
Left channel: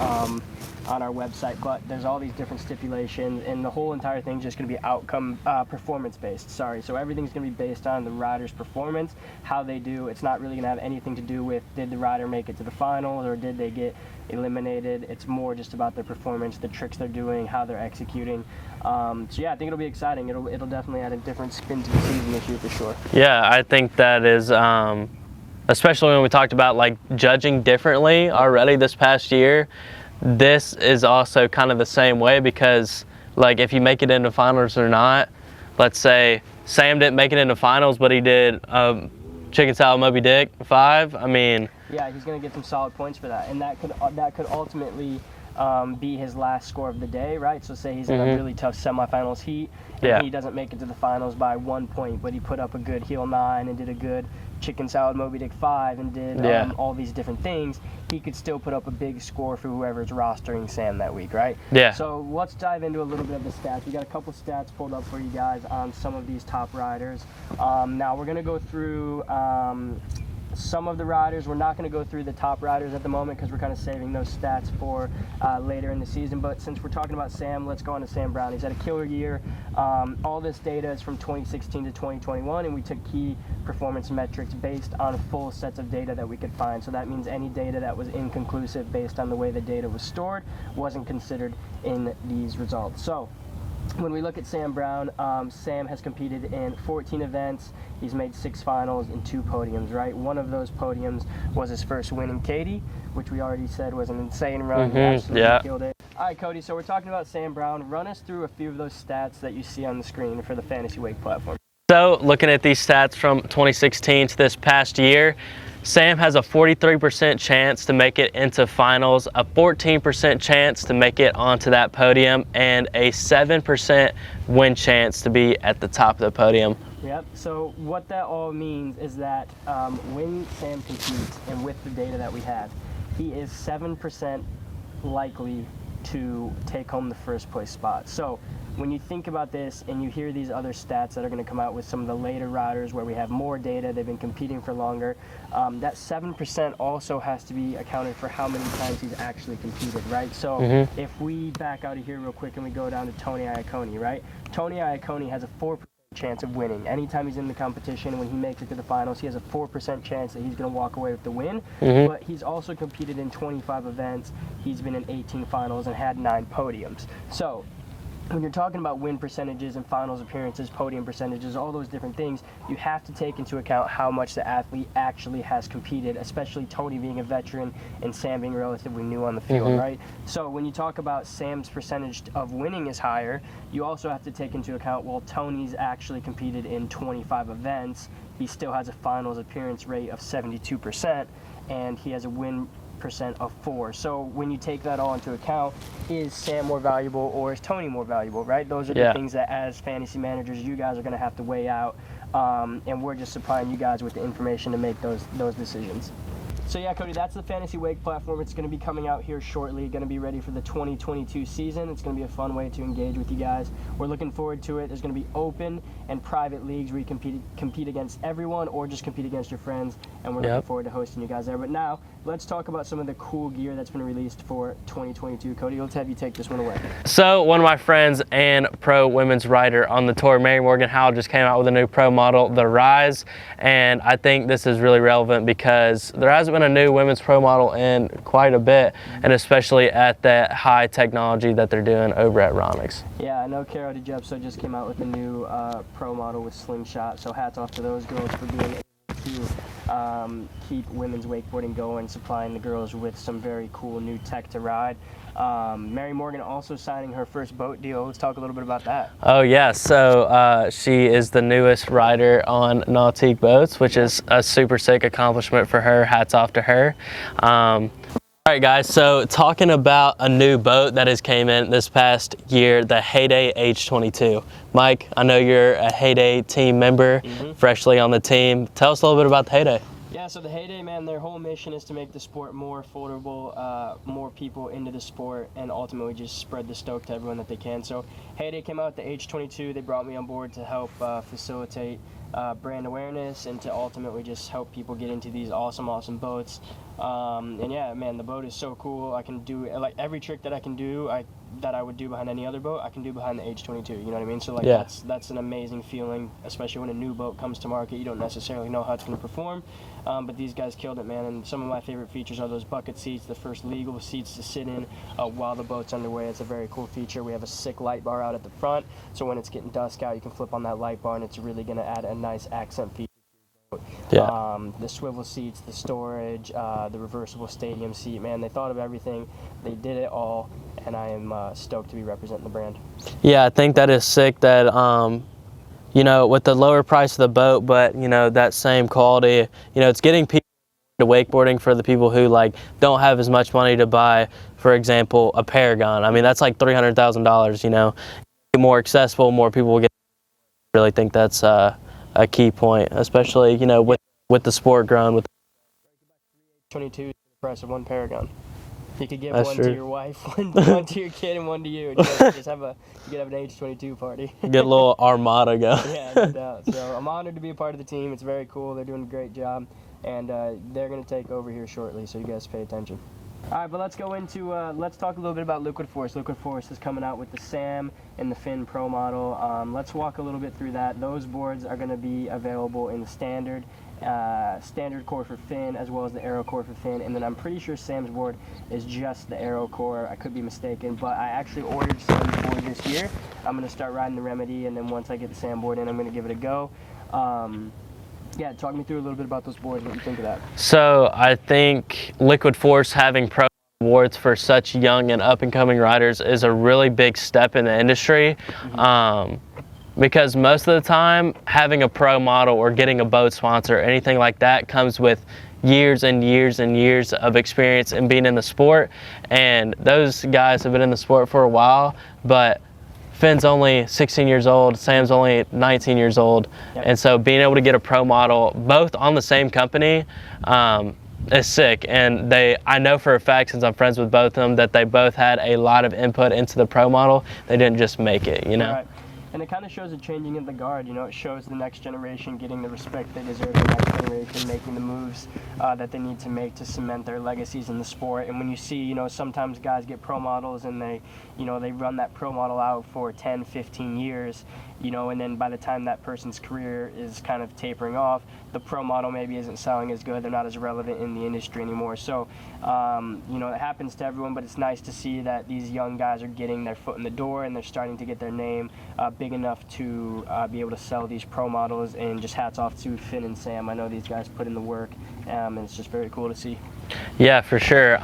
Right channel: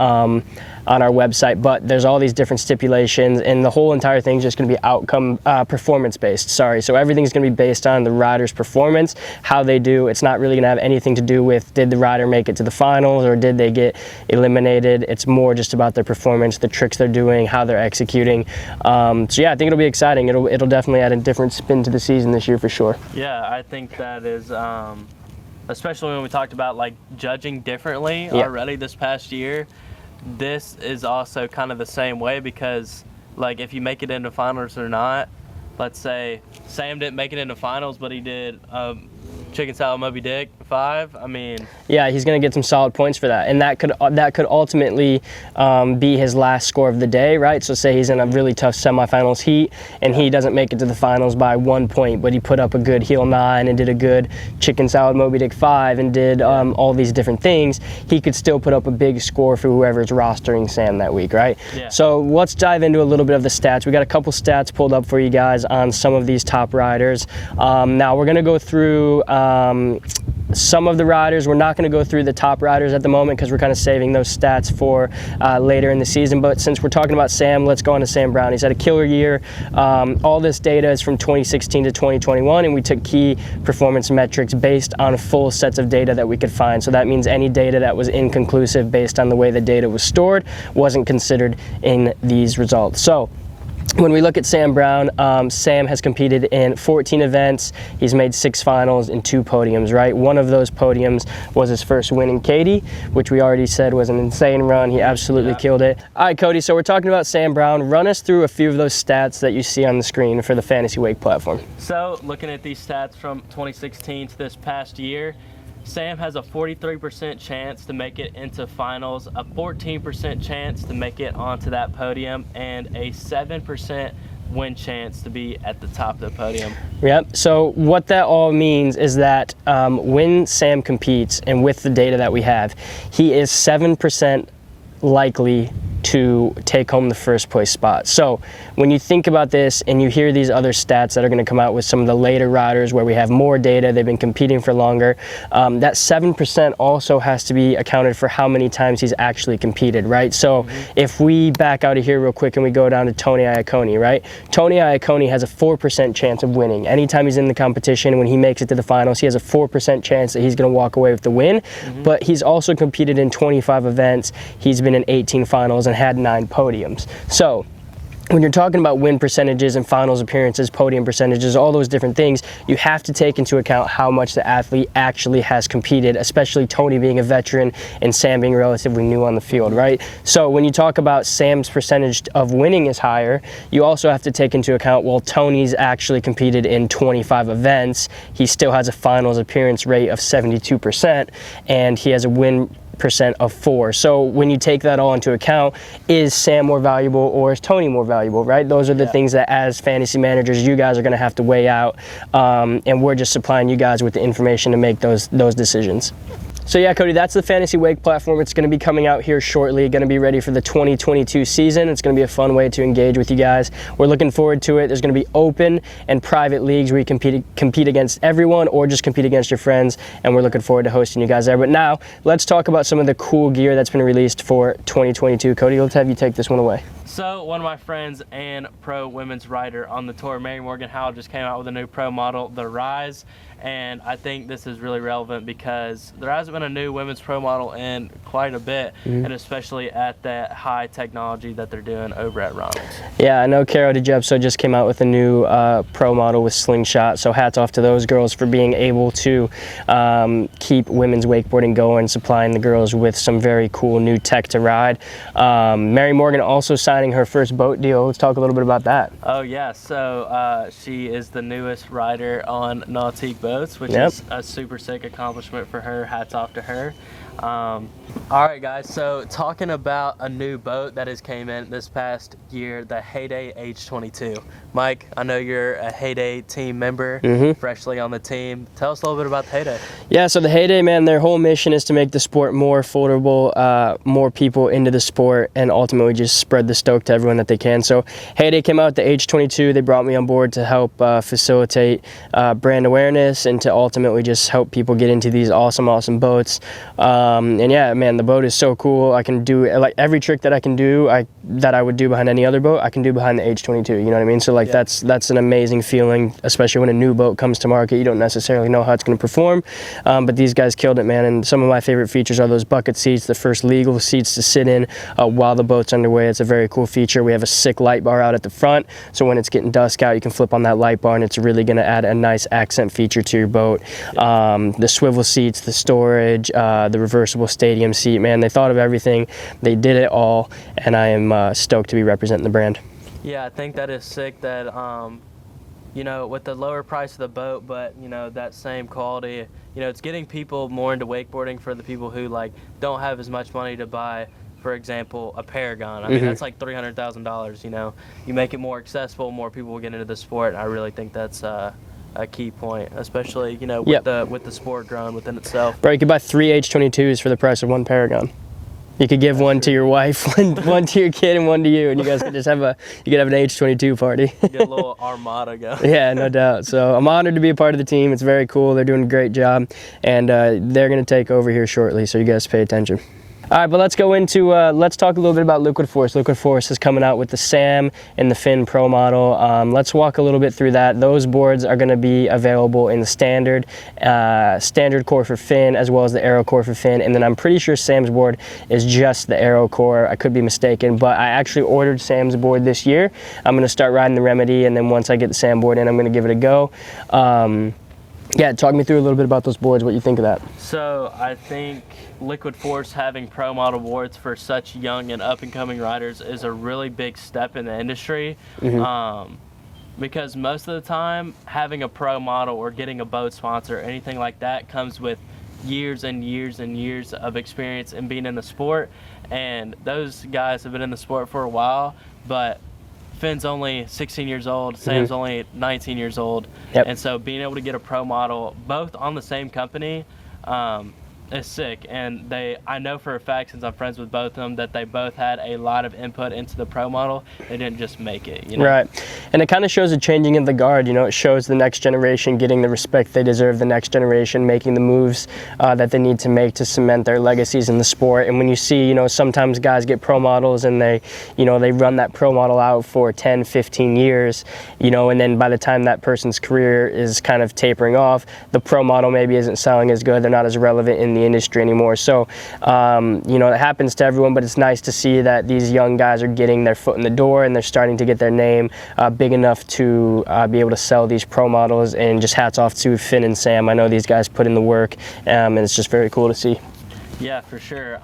on our website, but there's all these different stipulations, and the whole entire thing is just going to be performance based. So everything's going to be based on the rider's performance, how they do. It's not really going to have anything to do with did the rider make it to the finals or did they get eliminated. It's more just about their performance, the tricks they're doing, how they're executing. So yeah, I think it'll be exciting. It'll definitely add a different spin to the season this year for sure. Yeah, I think that is especially when we talked about like judging differently already this past year. This is also kind of the same way, because like if you make it into finals or not, let's say Sam didn't make it into finals, but he did chicken salad Moby Dick 5. I mean, yeah, he's going to get some solid points for that, and that could ultimately be his last score of the day, right? So say he's in a really tough semifinals heat, and he doesn't make it to the finals by 1 point, but he put up a good heel 9 and did a good chicken salad Moby Dick 5 and did all these different things. He could still put up a big score for whoever's rostering Sam that week, right? Yeah. So let's dive into a little bit of the stats. We got a couple stats pulled up for you guys on some of these top riders. Now we're going to go through some of the riders. We're not going to go through the top riders at the moment because we're kind of saving those stats for later in the season. But since we're talking about Sam, let's go on to Sam Brown. He's had a killer year. All this data is from 2016 to 2021, and we took key performance metrics based on full sets of data that we could find. So that means any data that was inconclusive based on the way the data was stored wasn't considered in these results. So when we look at Sam Brown, Sam has competed in 14 events. He's made 6 finals and 2 podiums, right? One of those podiums was his first win in Cody, which we already said was an insane run. He absolutely killed it. All right, Cody, so we're talking about Sam Brown. Run us through a few of those stats that you see on the screen for the Fantasy Wake platform. So looking at these stats from 2016 to this past year, Sam has a 43% chance to make it into finals, a 14% chance to make it onto that podium, and a 7% win chance to be at the top of the podium. Yep. So what that all means is that when Sam competes, and with the data that we have, he is 7% likely to take home the first place spot. So when you think about this and you hear these other stats that are going to come out with some of the later riders where we have more data, they've been competing for longer, that 7% also has to be accounted for how many times he's actually competed, right? So if we back out of here real quick and we go down to Tony Iacone, right? Tony Iacone has a 4% chance of winning. Anytime he's in the competition, when he makes it to the finals, he has a 4% chance that he's going to walk away with the win. But he's also competed in 25 events. He's been in 18 finals and had 9 podiums. So when you're talking about win percentages and finals appearances, podium percentages, all those different things, you have to take into account how much the athlete actually has competed, especially Tony being a veteran and Sam being relatively new on the field, right? So when you talk about Sam's percentage of winning is higher, you also have to take into account, well, Tony's actually competed in 25 events. He still has a finals appearance rate of 72%, and he has a win percent of 4. So when you take that all into account, is Sam more valuable or is Tony more valuable, right? Those are the things that as fantasy managers you guys are going to have to weigh out, and we're just supplying you guys with the information to make those decisions. So yeah, Cody, that's the Fantasy Wake platform. It's going to be coming out here shortly, going to be ready for the 2022 season. It's going to be a fun way to engage with you guys. We're looking forward to it. There's going to be open and private leagues where you compete against everyone or just compete against your friends, and we're looking forward to hosting you guys there. But now, let's talk about some of the cool gear that's been released for 2022. Cody, let's have you take this one away. So one of my friends and pro women's rider on the tour, Mary Morgan Howell, just came out with a new pro model, the Rise, and I think this is really relevant because there hasn't been a new women's pro model in quite a bit, and especially at that high technology that they're doing over at Ronix. Yeah, I know Caro DiGepso just came out with a new pro model with Slingshot, so hats off to those girls for being able to keep women's wakeboarding going, supplying the girls with some very cool new tech to ride. Mary Morgan also signing her first boat deal. Let's talk a little bit about that. Oh yeah, so she is the newest rider on Nautique Boats, which is a super sick accomplishment for her. Hats off off to her. All right, guys, so talking about a new boat that has came in this past year, the Heyday H22. Mike, I know you're a Heyday team member, freshly on the team. Tell us a little bit about the Heyday. Yeah, so the Heyday, man, their whole mission is to make the sport more affordable, more people into the sport, and ultimately just spread the stoke to everyone that they can. So Heyday came out with the H22. They brought me on board to help facilitate brand awareness and to ultimately just help people get into these awesome, awesome boats. And yeah, man, the boat is so cool. I can do like every trick that I can do, that I would do behind any other boat, I can do behind the H22. You know what I mean? So like that's an amazing feeling, especially when a new boat comes to market. You don't necessarily know how it's going to perform. But these guys killed it, man. And some of my favorite features are those bucket seats, the first legal seats to sit in while the boat's underway. It's a very cool feature. We have a sick light bar out at the front, so when it's getting dusk out, you can flip on that light bar, and it's really going to add a nice accent feature to your boat. The swivel seats, the storage, the reversible stadium seat, man, they thought of everything. They did it all, and I am stoked to be representing the brand. Yeah, I think that is sick that you know, with the lower price of the boat, but, you know, that same quality, you know, it's getting people more into wakeboarding for the people who, like, don't have as much money to buy, for example, a Paragon. I mean, that's like $300,000, you know. You make it more accessible, more people will get into the sport. I really think that's a key point, especially, you know, with the sport growing within itself. Bro, you could buy 3 H22s for the price of 1 Paragon. You could give one to your wife, one to your kid, and one to you, and you guys could just have an H22 party. Get a little armada going. Yeah, no doubt. So I'm honored to be a part of the team. It's very cool. They're doing a great job, and they're going to take over here shortly, so you guys pay attention. All right, but let's go into, let's talk a little bit about Liquid Force. Liquid Force is coming out with the Sam and the Finn Pro model. Let's walk a little bit through that. Those boards are gonna be available in the standard core for Finn, as well as the Aero core for Finn. And then I'm pretty sure Sam's board is just the Aero core. I could be mistaken, but I actually ordered Sam's board this year. I'm gonna start riding the Remedy, and then once I get the Sam board in, I'm gonna give it a go. Yeah, talk me through a little bit about those boards, what you think of that. So I think Liquid Force having pro model boards for such young and up and coming riders is a really big step in the industry. Because most of the time having a pro model or getting a boat sponsor or anything like that comes with years and years and years of experience in being in the sport. And those guys have been in the sport for a while, but Finn's only 16 years old, Sam's only 19 years old, and so being able to get a pro model, both on the same company, is sick. And I know for a fact, since I'm friends with both of them, that they both had a lot of input into the pro model. They didn't just make it, you know? Right. And it kind of shows a changing of the guard, you know, it shows the next generation getting the respect they deserve, the next generation making the moves that they need to make to cement their legacies in the sport. And when you see, you know, sometimes guys get pro models and they, you know, they run that pro model out for 10, 15 years, you know, and then by the time that person's career is kind of tapering off, the pro model maybe isn't selling as good, they're not as relevant in the industry anymore. So, you know, it happens to everyone, but it's nice to see that these young guys are getting their foot in the door and they're starting to get their name big enough to be able to sell these pro models. And just hats off to Finn and Sam. I know these guys put in the work, and it's just very cool to see. Yeah, for sure.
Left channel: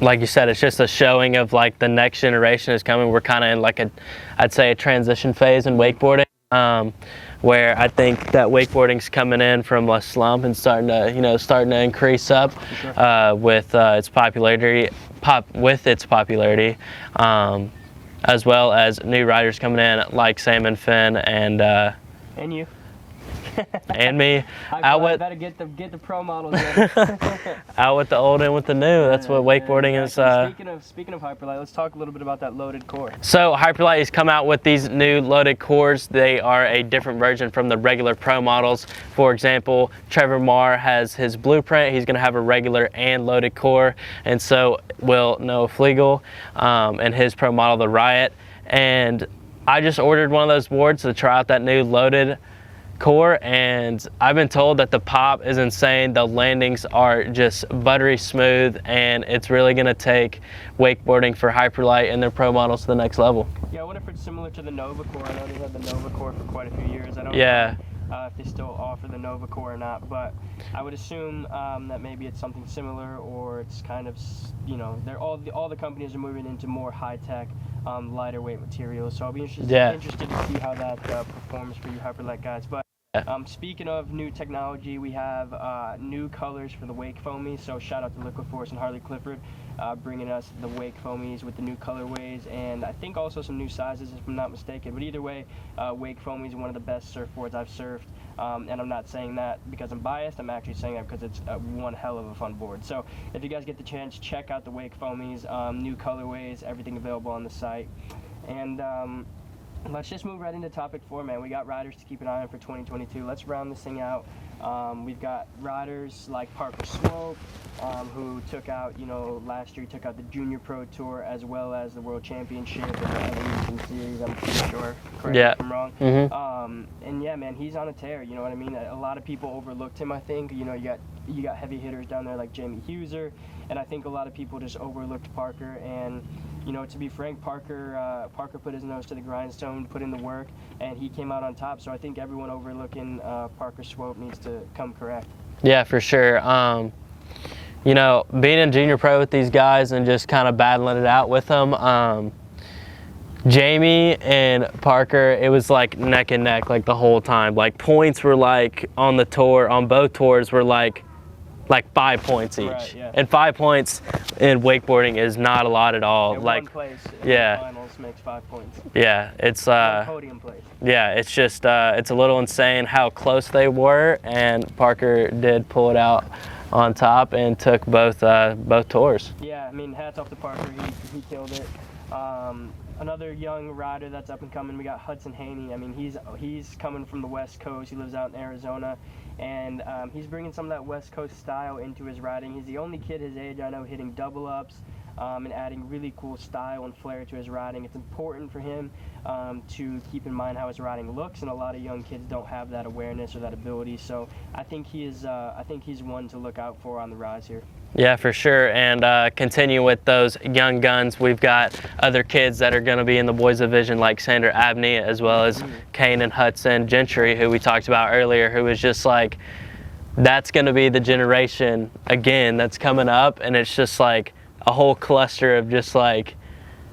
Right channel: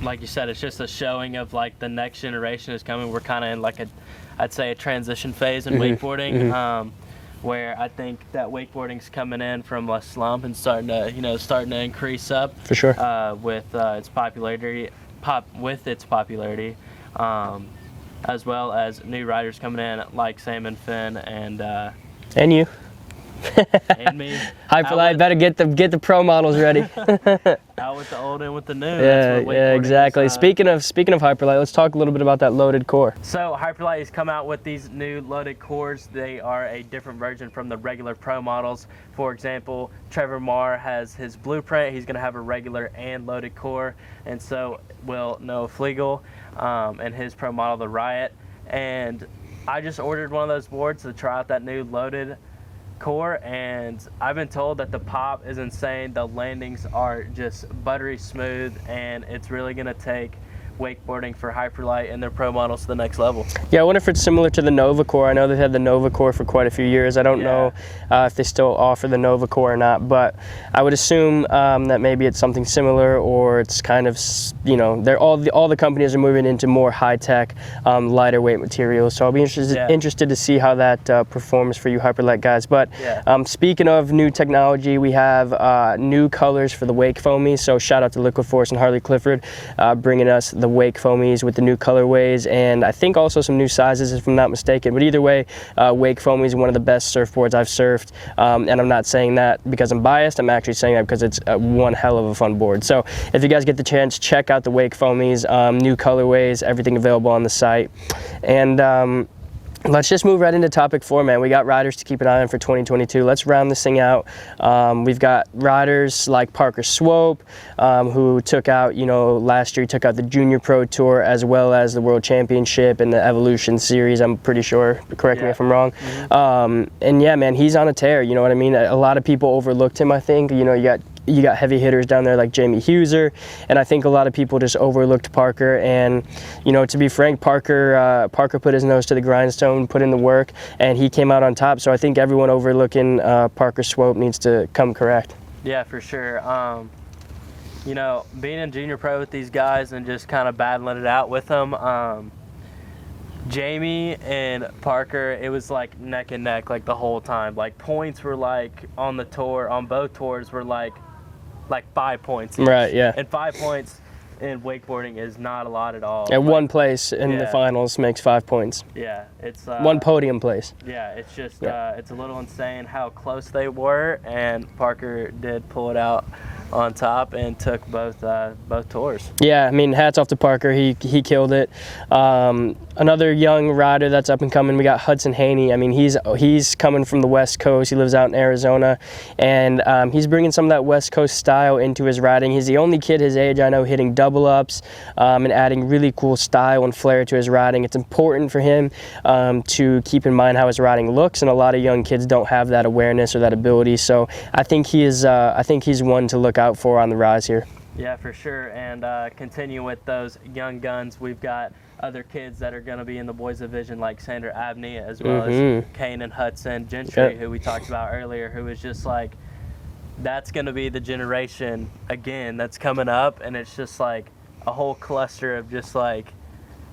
Like you said, it's just a showing of like the next generation is coming. We're kind of in like I'd say a transition phase in wakeboarding. Where I think that wakeboarding's coming in from a slump and starting to increase up. For sure. With its popularity, as well as new riders coming in like Sam and Finn and you. And me. Hyperlight better get the pro models ready. Out with the old and with the new. That's what wakeboarding exactly. is. Speaking of Hyperlight, let's talk a little bit about that loaded core. So Hyperlight has come out with these new loaded cores. They are a different version from the regular pro models. For example, Trevor Marr has his blueprint. He's going to have a regular and loaded core, and so will Noah Flegel and his pro model, the Riot. And I just ordered one of those boards to try out that new loaded core, and I've been told that the pop is insane. The landings are just buttery smooth, and it's really going to take wakeboarding for hyperlight and their pro models to the next level. Yeah, I wonder if it's similar to the Nova Core. I know they've had the Nova Core for quite a few years. I don't know if they still offer the Nova Core or not, but I would assume that maybe it's something similar, or it's kind of, you know, all the companies are moving into more high-tech, lighter weight materials. So I'll be interested to see how that performs for you hyperlight guys. But speaking of new technology, we have new colors for the wake foamies. So shout out to Liquid Force and Harley Clifford bringing us the wake foamies with the new colorways, and I think also some new sizes if I'm not mistaken. But either way, wake foamies is one of the best surfboards I've surfed, and I'm not saying that because I'm biased. I'm actually saying that because it's one hell of a fun board. So if you guys get the chance, check out the wake foamies, new colorways, everything available on the site. And let's just move right into topic 4, man. We got riders to keep an eye on for 2022. Let's round this thing out. We've got riders like Parker Swope, who took out, you know, last year he took out the Junior Pro Tour as well as the World Championship and the Evolution Series, I'm pretty sure. Correct me if I'm wrong. And yeah, man, he's on a tear, you know what I mean? A lot of people overlooked him, I think. You know, you got heavy hitters down there like Jamie Huser, and I think a lot of people just overlooked Parker. And, you know, to be frank, Parker put his nose to the grindstone, put in the work, and he came out on top. So I think everyone overlooking Parker Swope needs to come correct. Yeah, for sure. You know, being in Junior Pro with these guys and just kind of battling it out with them, Jamie and Parker, it was like neck and neck like the whole time. Like points were like on the tour, on both tours were like 5 points each. Right, yeah. And 5 points in wakeboarding is not a lot at all. And one place in the finals makes 5 points. Yeah, it's one podium place. Yeah, it's just it's a little insane how close they were, and Parker did pull it out on top and took both tours. Yeah, I mean, hats off to Parker. He killed it. Another young rider that's up and coming, we got Hudson Haney. I mean, he's coming from the West Coast. He lives out in Arizona, and he's bringing some of that West Coast style into his riding. He's the only kid his age I know hitting double ups and adding really cool style and flair to his riding. It's important for him to keep in mind how his riding looks, and a lot of young kids don't have that awareness or that ability. So I think he's one to look out for on the rise here. Yeah, for sure. And continue with those young guns. We've got other kids that are going to be in the boys division like Sander Abney, as well as Kane and Hudson Gentry, who we talked about earlier, who was just like, that's going to be the generation again that's coming up. And it's just like a whole cluster of just like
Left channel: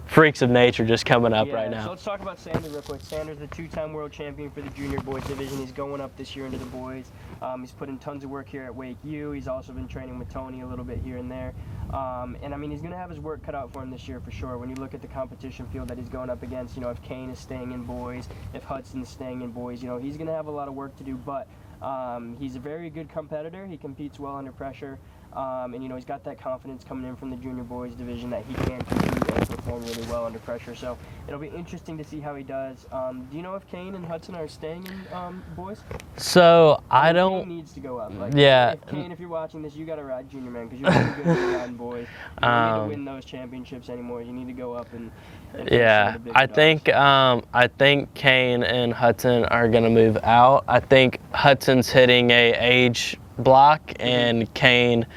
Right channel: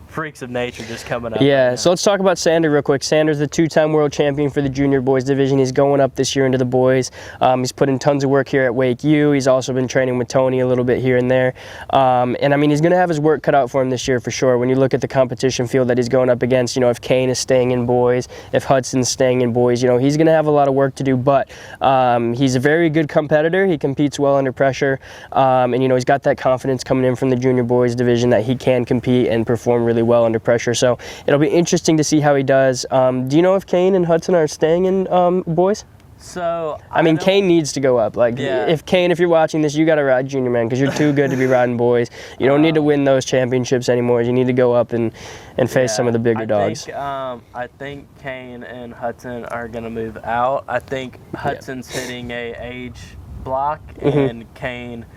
freaks of nature just coming up. Yeah, right, so let's talk about Sander real quick. Sander's the 2-time world champion for the junior boys division. He's going up this year into the boys. He's put in tons of work here at Wake U. He's also been training with Tony a little bit here and there. And I mean, he's going to have his work cut out for him this year for sure. When you look at the competition field that he's going up against, you know, if Kane is staying in boys, if Hudson's staying in boys, you know, he's going to have a lot of work to do. But he's a very good competitor. He competes well under pressure. And, you know, he's got that confidence coming in from the junior boys division that he can compete and perform really well under pressure. So it'll be interesting to see how he does. Do you know if Kane and Hudson are staying in boys? So I mean, Kane needs to go up. Like, if Kane, if you're watching this, you got to ride junior, man, because you're too good to be riding boys. You don't need to win those championships anymore. You need to go up and face some of the bigger dogs. I think Kane and Hudson are gonna move out. I think Hudson's hitting a age block, and Kane,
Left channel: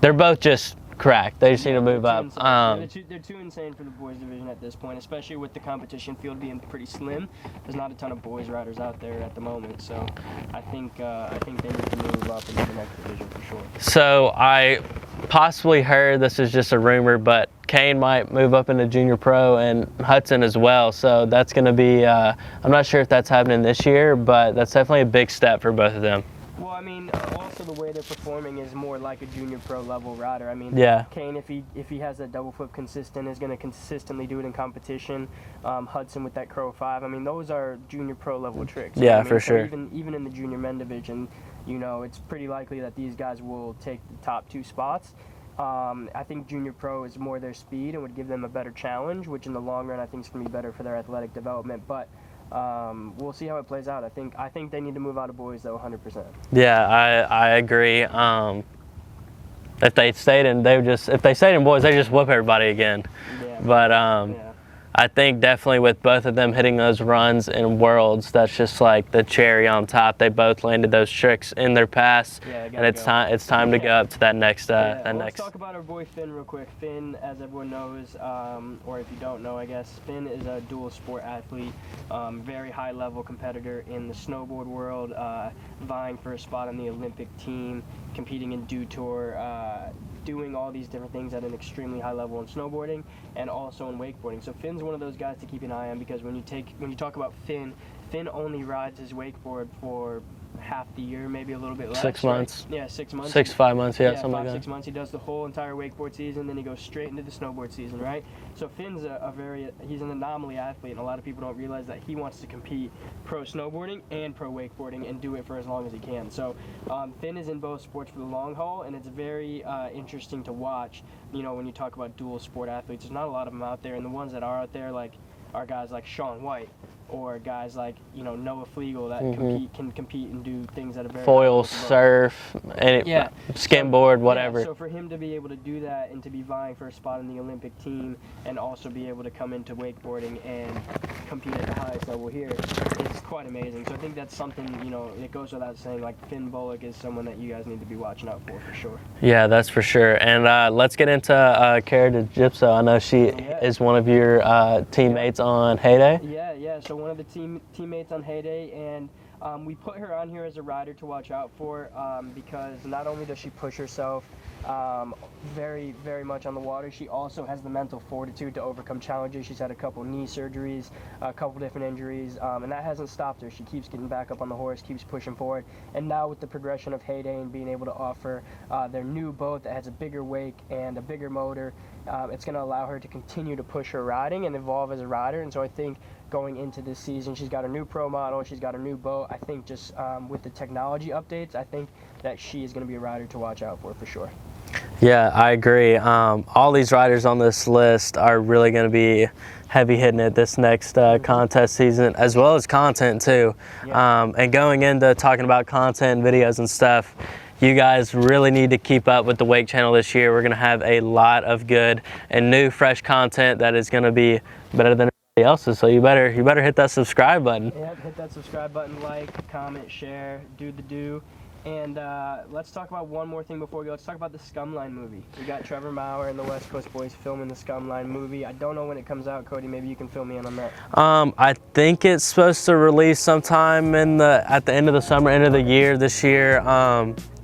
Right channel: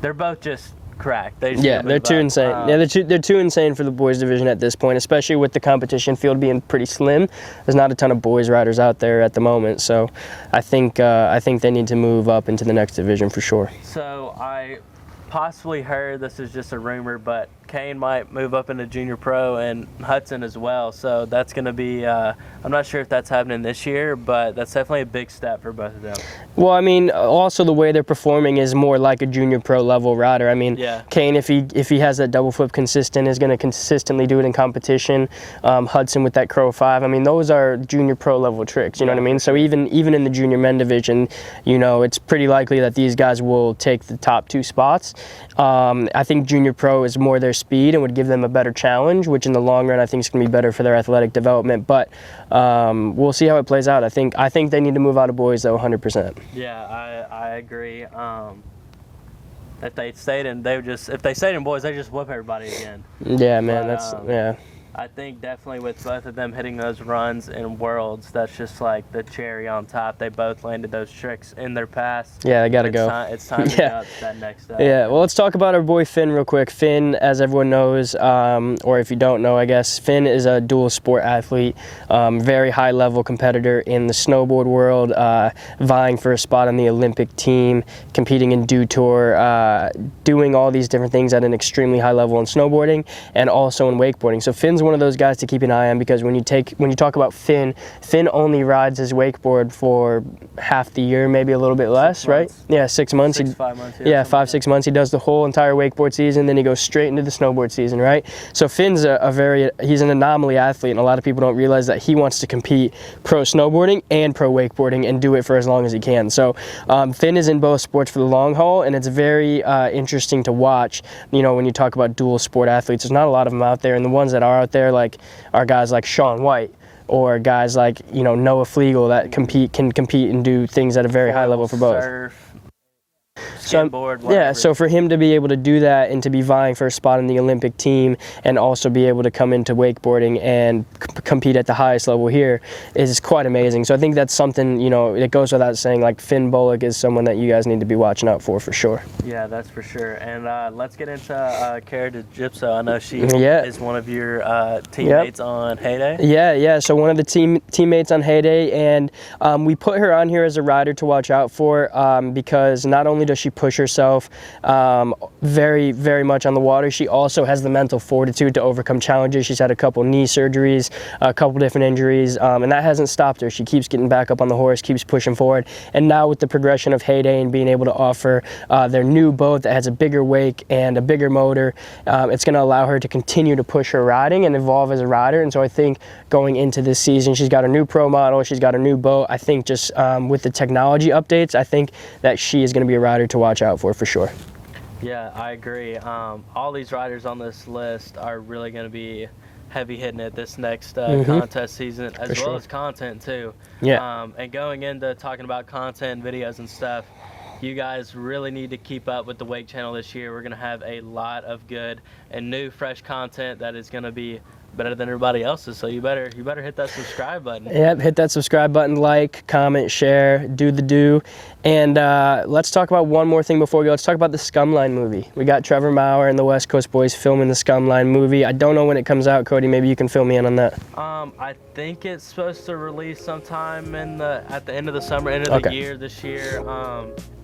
they're both just cracked. They're too insane. They're too insane for the boys division at this point, especially with the competition field being pretty slim. There's not a ton of boys riders out there at the moment, so I think they need to move up into the next division for sure. So I possibly heard, this is just a rumor, but Kane might move up into junior pro and Hudson as well. So that's going to be, I'm not sure if that's happening this year, but that's definitely a big step for both of them. Well, I mean, also the way they're performing is more like a junior pro level rider. I mean, Kane, if he has that double flip consistent, is going to consistently do it in competition. Hudson with that crow 5. I mean, those are junior pro level tricks. You know what I mean? So even in the junior men division, you know, it's pretty likely that these guys will take the top 2 spots. I think junior pro is more their speed and would give them a better challenge, which in the long run I think is going to be better for their athletic development. But we'll see how it plays out. I think they need to move out of boys though, 100%. Yeah, I agree. If they stayed in boys, they just whoop everybody again. Yeah, man. I think definitely with both of them hitting those runs in Worlds, that's just like the cherry on top. They both landed those tricks in their pass. Yeah, they gotta go. It's time to go up to that next. Well, let's talk about our boy Finn real quick. Finn, as everyone knows, or if you don't know, I guess, Finn is a dual sport athlete, very high level competitor in the snowboard world, vying for a spot on the Olympic team, competing in Dew Tour, doing all these different things at an extremely high level in snowboarding and also in wakeboarding. So Finn's one of those guys to keep an eye on, because when you talk about Finn only rides his wakeboard for half the year, maybe a little bit less, right? Yeah, 6 months. 5 months. Yeah, 5-6 months. He does the whole entire wakeboard season, then he goes straight into the snowboard season, right? So Finn's he's an anomaly athlete, and a lot of people don't realize that he wants to compete pro snowboarding and pro wakeboarding and do it for as long as he can. So Finn is in both sports for the long haul, and it's very interesting to watch. You know, when you talk about dual sport athletes, there's not a lot of them out there, and the ones that are out there are guys like Shaun White, or guys like, you know, Noah Flegel that can compete and do things at a very high level for both. Surf, skateboard, whatever. Yeah, so for him to be able to do that and to be vying for a spot in the Olympic team and also be able to come into wakeboarding and compete at the highest level here is quite amazing. So I think that's something, you know, it goes without saying, like Finn Bullock is someone that you guys need to be watching out for sure. Yeah, that's for sure. And let's get into Cara DeGipso. I know she is one of your teammates on Heyday. Yeah. So one of the teammates on Heyday, and we put her on here as a rider to watch out for, because not only does she push herself very, very much on the water, she also has the mental fortitude to overcome challenges. She's had a couple knee surgeries, a couple different injuries, and that hasn't stopped her. She keeps getting back up on the horse, keeps pushing forward, and now with the progression of Heyday and being able to offer their new boat that has a bigger wake and a bigger motor, it's going to allow her to continue to push her riding and evolve as a rider. And so I think going into this season, she's got a new pro model, she's got a new boat. I think just with the technology updates, I think that she is going to be a rider to watch out for sure. Yeah, I agree. All these riders on this list are really going to be heavy hitting it this next contest season, as well as content too. Yeah. And going into talking about content and videos and stuff, you guys really need to keep up with the Wake channel this year. We're going to have a lot of good and new, fresh content that is going to be better than everybody else's. So you better hit that subscribe button. Yep, hit that subscribe button, like, comment, share, do the do. And let's talk about one more thing before we go. Let's talk about the Scumline movie. We got Trevor Maurer and the West Coast Boys filming the Scumline movie. I don't know when it comes out, Cody. Maybe you can fill me in on that. I think it's supposed to release sometime at the end of the summer, end of the year this year.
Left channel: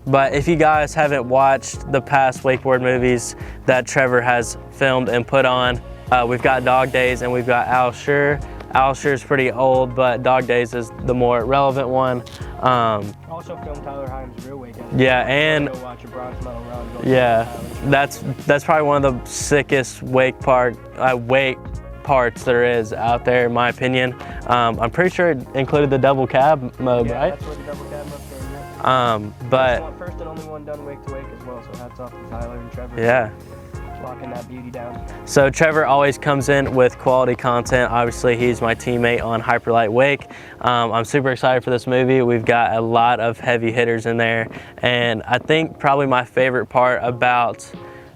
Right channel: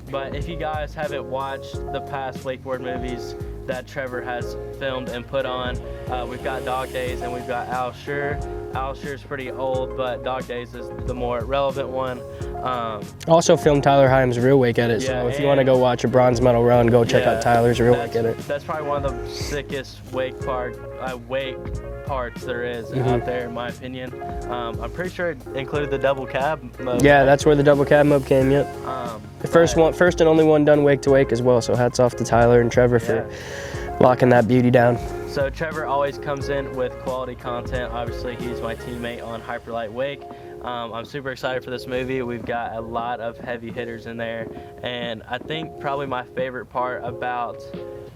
But if you guys haven't watched the past wakeboard movies that Trevor has filmed and put on, we've got Dog Days and we've got Al Sure. Al Sure's pretty old, but Dog Days is the more relevant one. Also filmed Tyler Himes' real wake edit. Yeah, so if you want to go watch a bronze medal run, go check out Tyler's real wake edit. That's probably one of the sickest wake parts there is out there, in my opinion. I'm pretty sure it included the double cab mode. Yeah, right? That's where the double cab mode came. Yep. The first and only one done wake to wake as well. So hats off to Tyler and Trevor for locking that beauty down. So Trevor always comes in with quality content. Obviously, he's my teammate on Hyperlight Wake. I'm super excited for this movie. We've got a lot of heavy hitters in there, and I think probably my favorite part about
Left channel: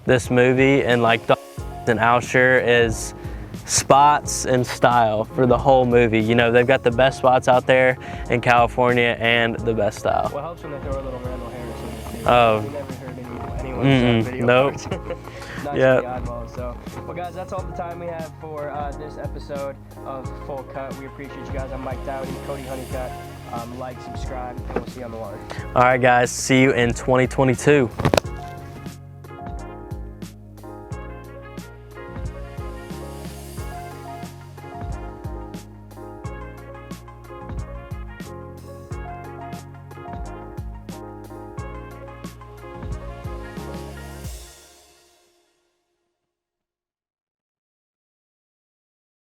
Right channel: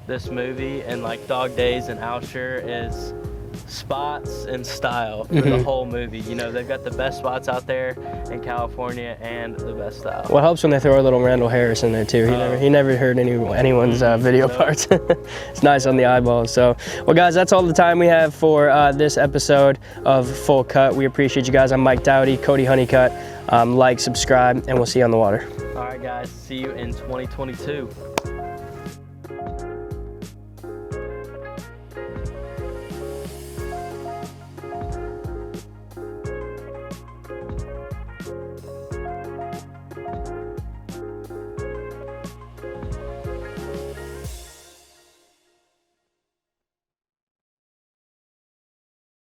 this movie and like Dog Days and Al Sure is spots and style for the whole movie. You know, they've got the best spots out there in California and the best style. Well, it helps when they throw a little Randall Harris in there too. He never heard anyone's video parts. It's nice on the eyeballs. So, well guys, that's all the time we have for this episode of Full Cut. We appreciate you guys. I'm Mike Dowdy, Cody Hunnicutt. Like, subscribe, and we'll see you on the water. All right guys, see you in 2022.